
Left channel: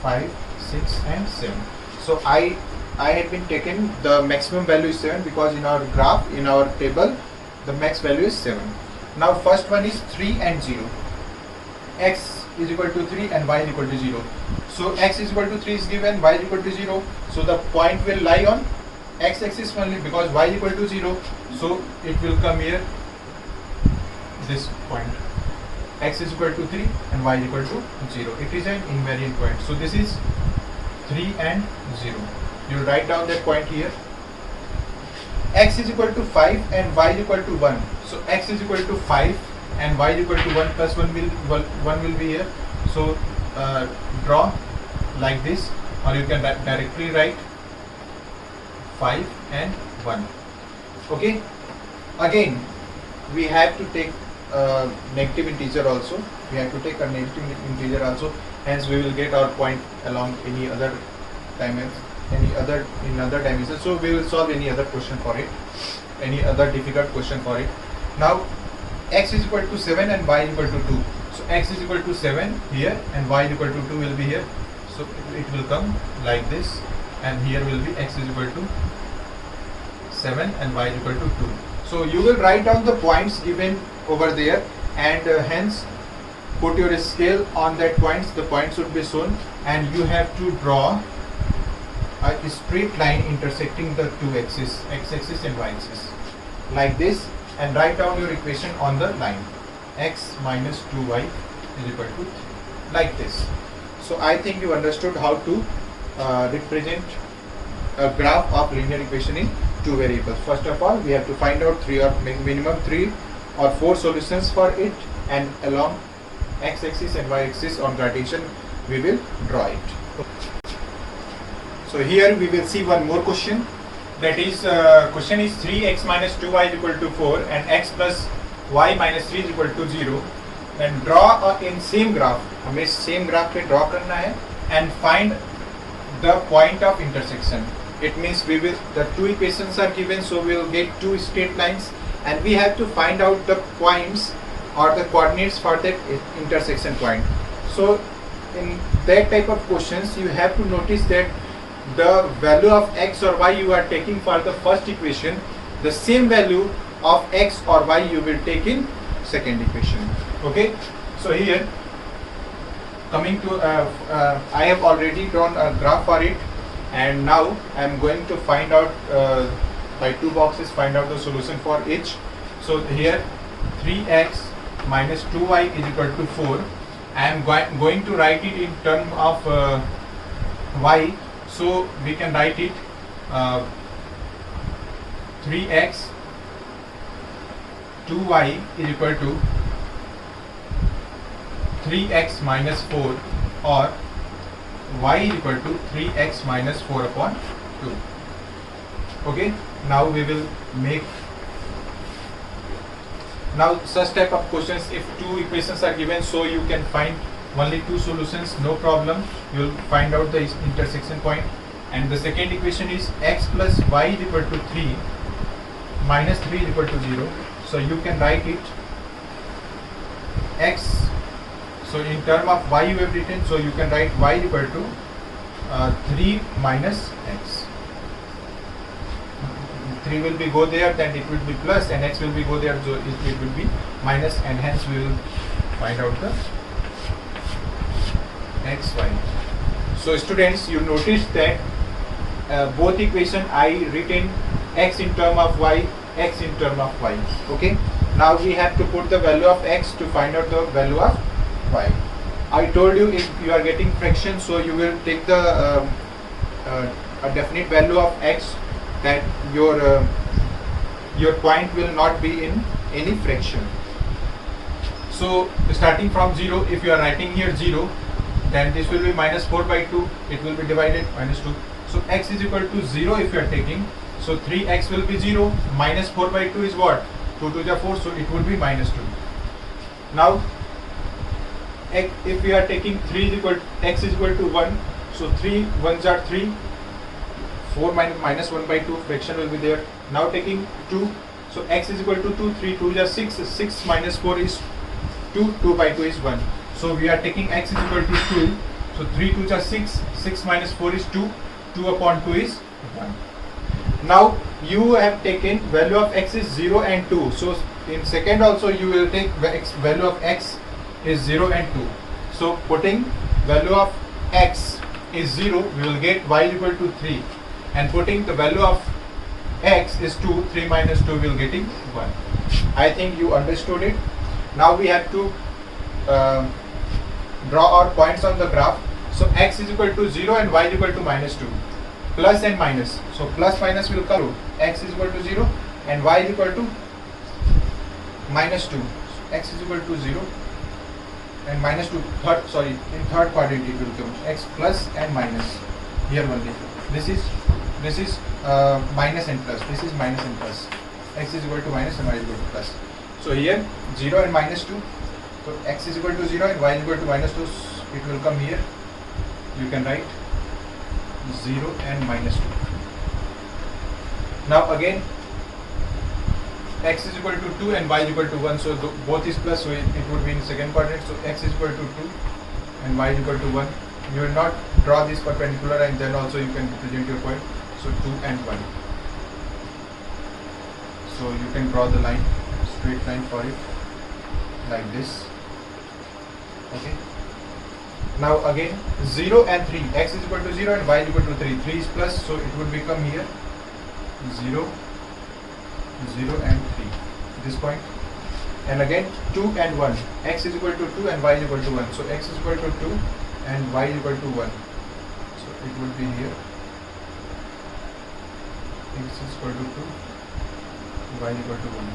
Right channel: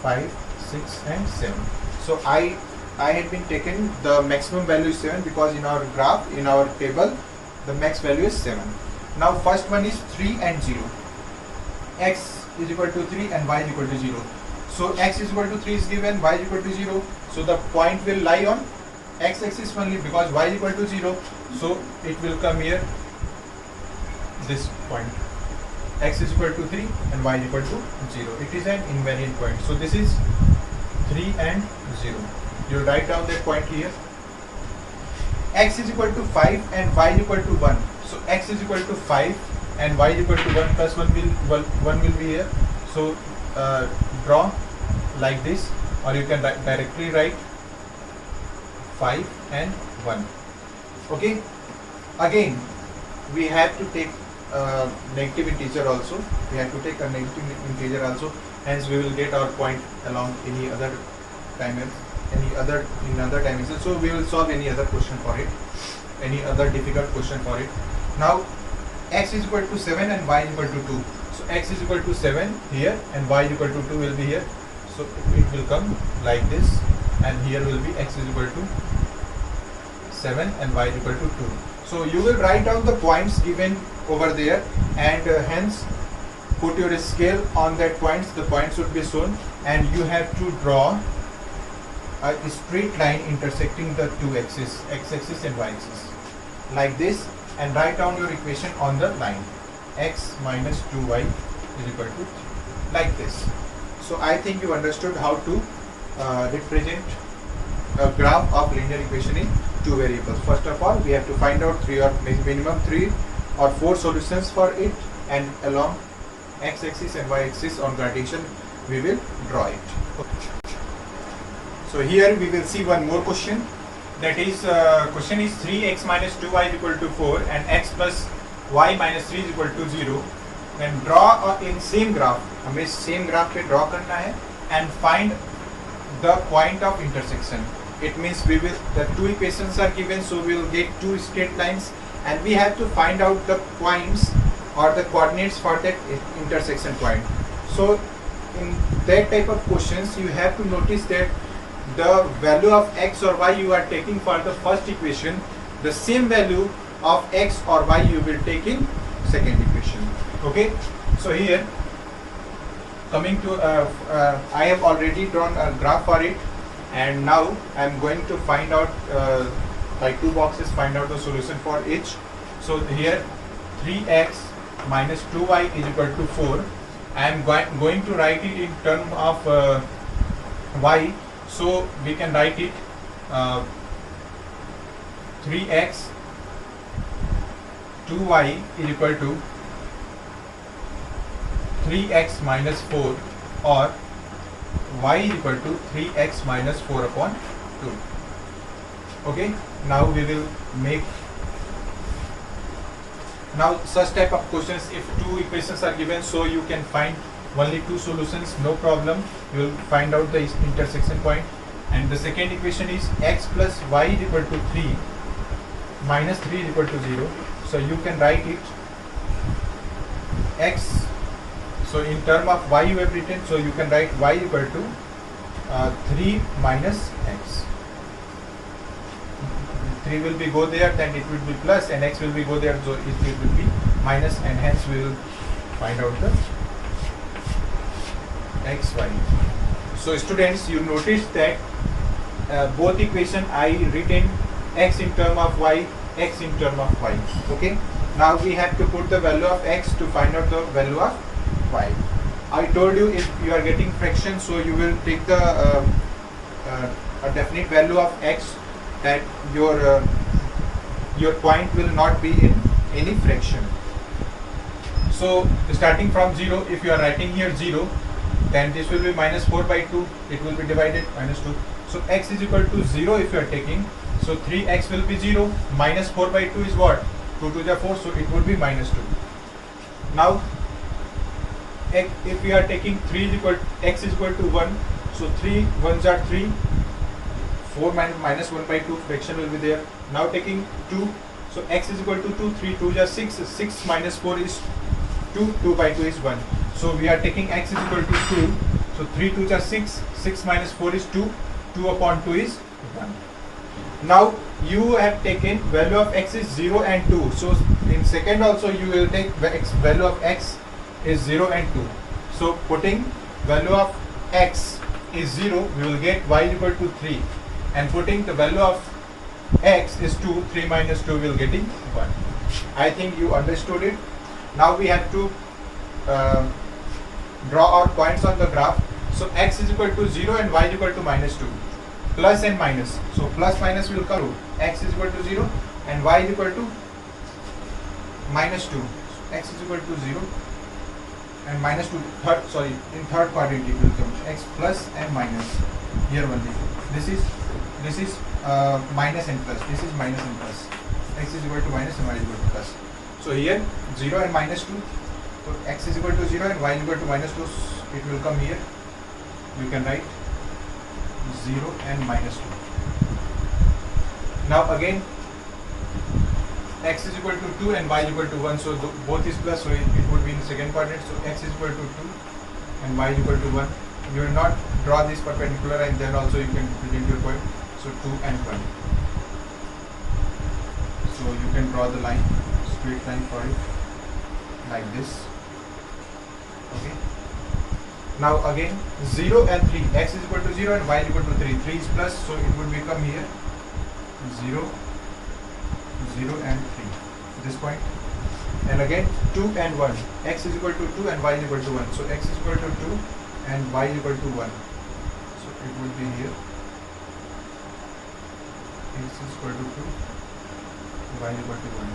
5, 6 and 7. So I had been taken the maximum value is 7 because in our graph, in our table, the max value is 7. Now first one is 3 and 0. X is equal to 3 and y is equal to 0. So x is equal to 3 is given, y is equal to 0. So the point will lie on x axis only because y is equal to 0. So it will come here, this point. X is equal to 3 and y is equal to 0. It is an invariant point. So this is 3 and 0. You will write down that point here. X is equal to 5 and y is equal to 1. So x is equal to 5 and y is equal to 1 plus 1 will be here. So draw like this, or you can directly write 5 and 1. Okay. Again, we have to take negative integer also. We have to take a negative integer also. Hence, we will get our point along any other dimension, in other dimensions. So we will solve any other question for it, any other difficult question for it. Now, x is equal to 7 and y is equal to 2. So x is equal to 7 here and y is equal to 2 will be here. So it will come like this, and here will be x is equal to 7 and y is equal to 2. So you will write down the points given over there, and hence put your scale on that points. The points should be shown, and you have to draw a straight line intersecting the two axes, x-axis and y-axis, like this, and write down your equation on the line. X minus 2y is equal to 3, like this. So I think you understood how to represent a graph of linear equation in two variables. First of all, we have to find out minimum 3 or 4 solutions for it, and along x-axis and y-axis on gradation we will draw it. So here we will see one more question. That is, question is 3x minus 2y is equal to 4 and x plus y minus 3 is equal to 0. Then draw in same graph. हमें same graph पे draw करना है and find the point of intersection. It means the two equations are given, so we will get two straight lines, and we have to find out the points or the coordinates for that intersection point. So in that type of questions, you have to notice that the value of x or y you are taking for the first equation, the same value of x or y you will take in second equation. Okay. So here, coming to I have already drawn a graph for it, and now I am going to find out by two boxes, find out the solution for each. So here 3x minus 2y is equal to 4. I am going to write it in terms of y. So we can write it 3x 2y is equal to 3x minus 4, or y is equal to 3x minus 4 upon 2. Okay, now we will make such type of questions. If two equations are given, so you can find only two solutions, no problem. You will find out the intersection point. And the second equation is x plus y is equal to 3 minus 3 is equal to 0. So you can write it x. So in term of y you have written, so you can write y is equal to 3 minus x. 3 will be go there, then it will be plus, and x will be go there, so it will be minus, and hence we will find out the x, y. So students, you notice that both equation I written x in term of y, x in term of y. Okay. Now we have to put the value of x to find out the value of y. I told you if you are getting fraction, so you will take the a definite value of x, that your point will not be in any fraction. So starting from 0, if you are writing here 0, then this will be minus 4 by 2. It will be divided minus 2. So x is equal to 0 if you are taking. So 3x will be 0. Minus 4 by 2 is what? 2 2 are 4, so it would be minus 2. Now if we are taking 3 is equal x is equal to 1, so 3 1s are 3, 4 minus 1 by 2, fraction will be there. Now taking 2, so x is equal to 2, 3 2 are 6, 6 minus 4 is 2, 2 by 2 is 1. So we are taking x is equal to 2, so 3 2 are 6, 6 minus 4 is 2, 2 upon 2 is 1. Now you have taken value of x is 0 and 2, so in second also you will take value of x is 0 and 2. So putting value of x is 0, we will get y is equal to 3, and putting the value of x is 2, 3 minus 2 will getting 1. I think you understood it. Now we have to draw our points on the graph. So x is equal to 0 and y is equal to minus 2. Plus and minus. So plus minus will come. X is equal to 0 and y is equal to minus 2. X is equal to 0 and minus 2. In third quadrant it will come. X plus and minus. Here only. This is minus and plus. This is minus and plus. X is equal to minus and y is equal to plus. So here 0 and minus 2. So x is equal to 0 and y is equal to minus 2. It will come here. We can write 0 and minus 2. Now again x is equal to 2 and y is equal to 1. So both is plus, so it would be in the second quadrant. So x is equal to 2 and y is equal to 1. You will not draw this perpendicular, and then also you can present your point. So 2 and 1. So you can draw the line, straight line for it like this. Okay. Now again 0 and 3. X is equal to 0 and y is equal to 3. 3 is plus, so it would become here 0, 0 and 3. This point. And again 2 and 1. X is equal to 2 and y is equal to 1. So x is equal to 2 and y is equal to 1. So it would be here. X is equal to 2, y is equal to 1.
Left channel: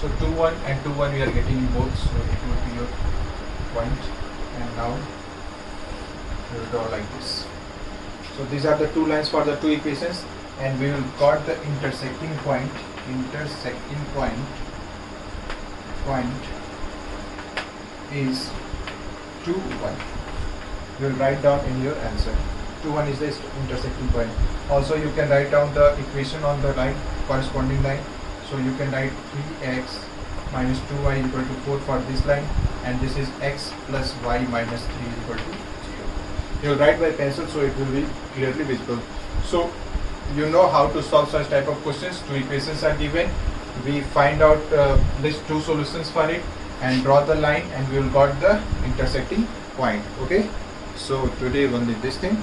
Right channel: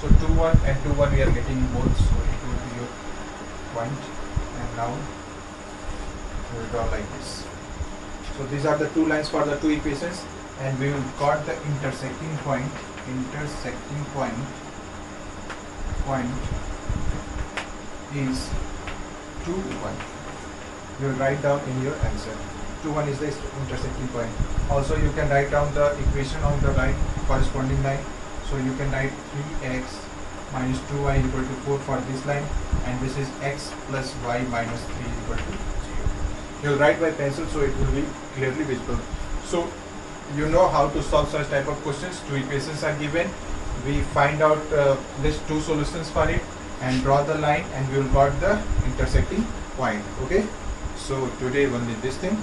So 2 1 and 2 1 we are getting both. So it would be your point. And now we will draw like this. So these are the two lines for the two equations, and we will got the intersecting point. Intersecting point is 2 1. You will write down in your answer. 2 1 is the intersecting point. Also you can write down the equation on the line, corresponding line. So you can write 3x minus 2y is equal to 4 for this line, and this is x plus y minus 3 is equal to 0. You will write by pencil, so it will be clearly visible. So you know how to solve such type of questions. Two equations are given. We find out list two solutions for it and draw the line, and we will got the intersecting point. Okay. So today only this thing.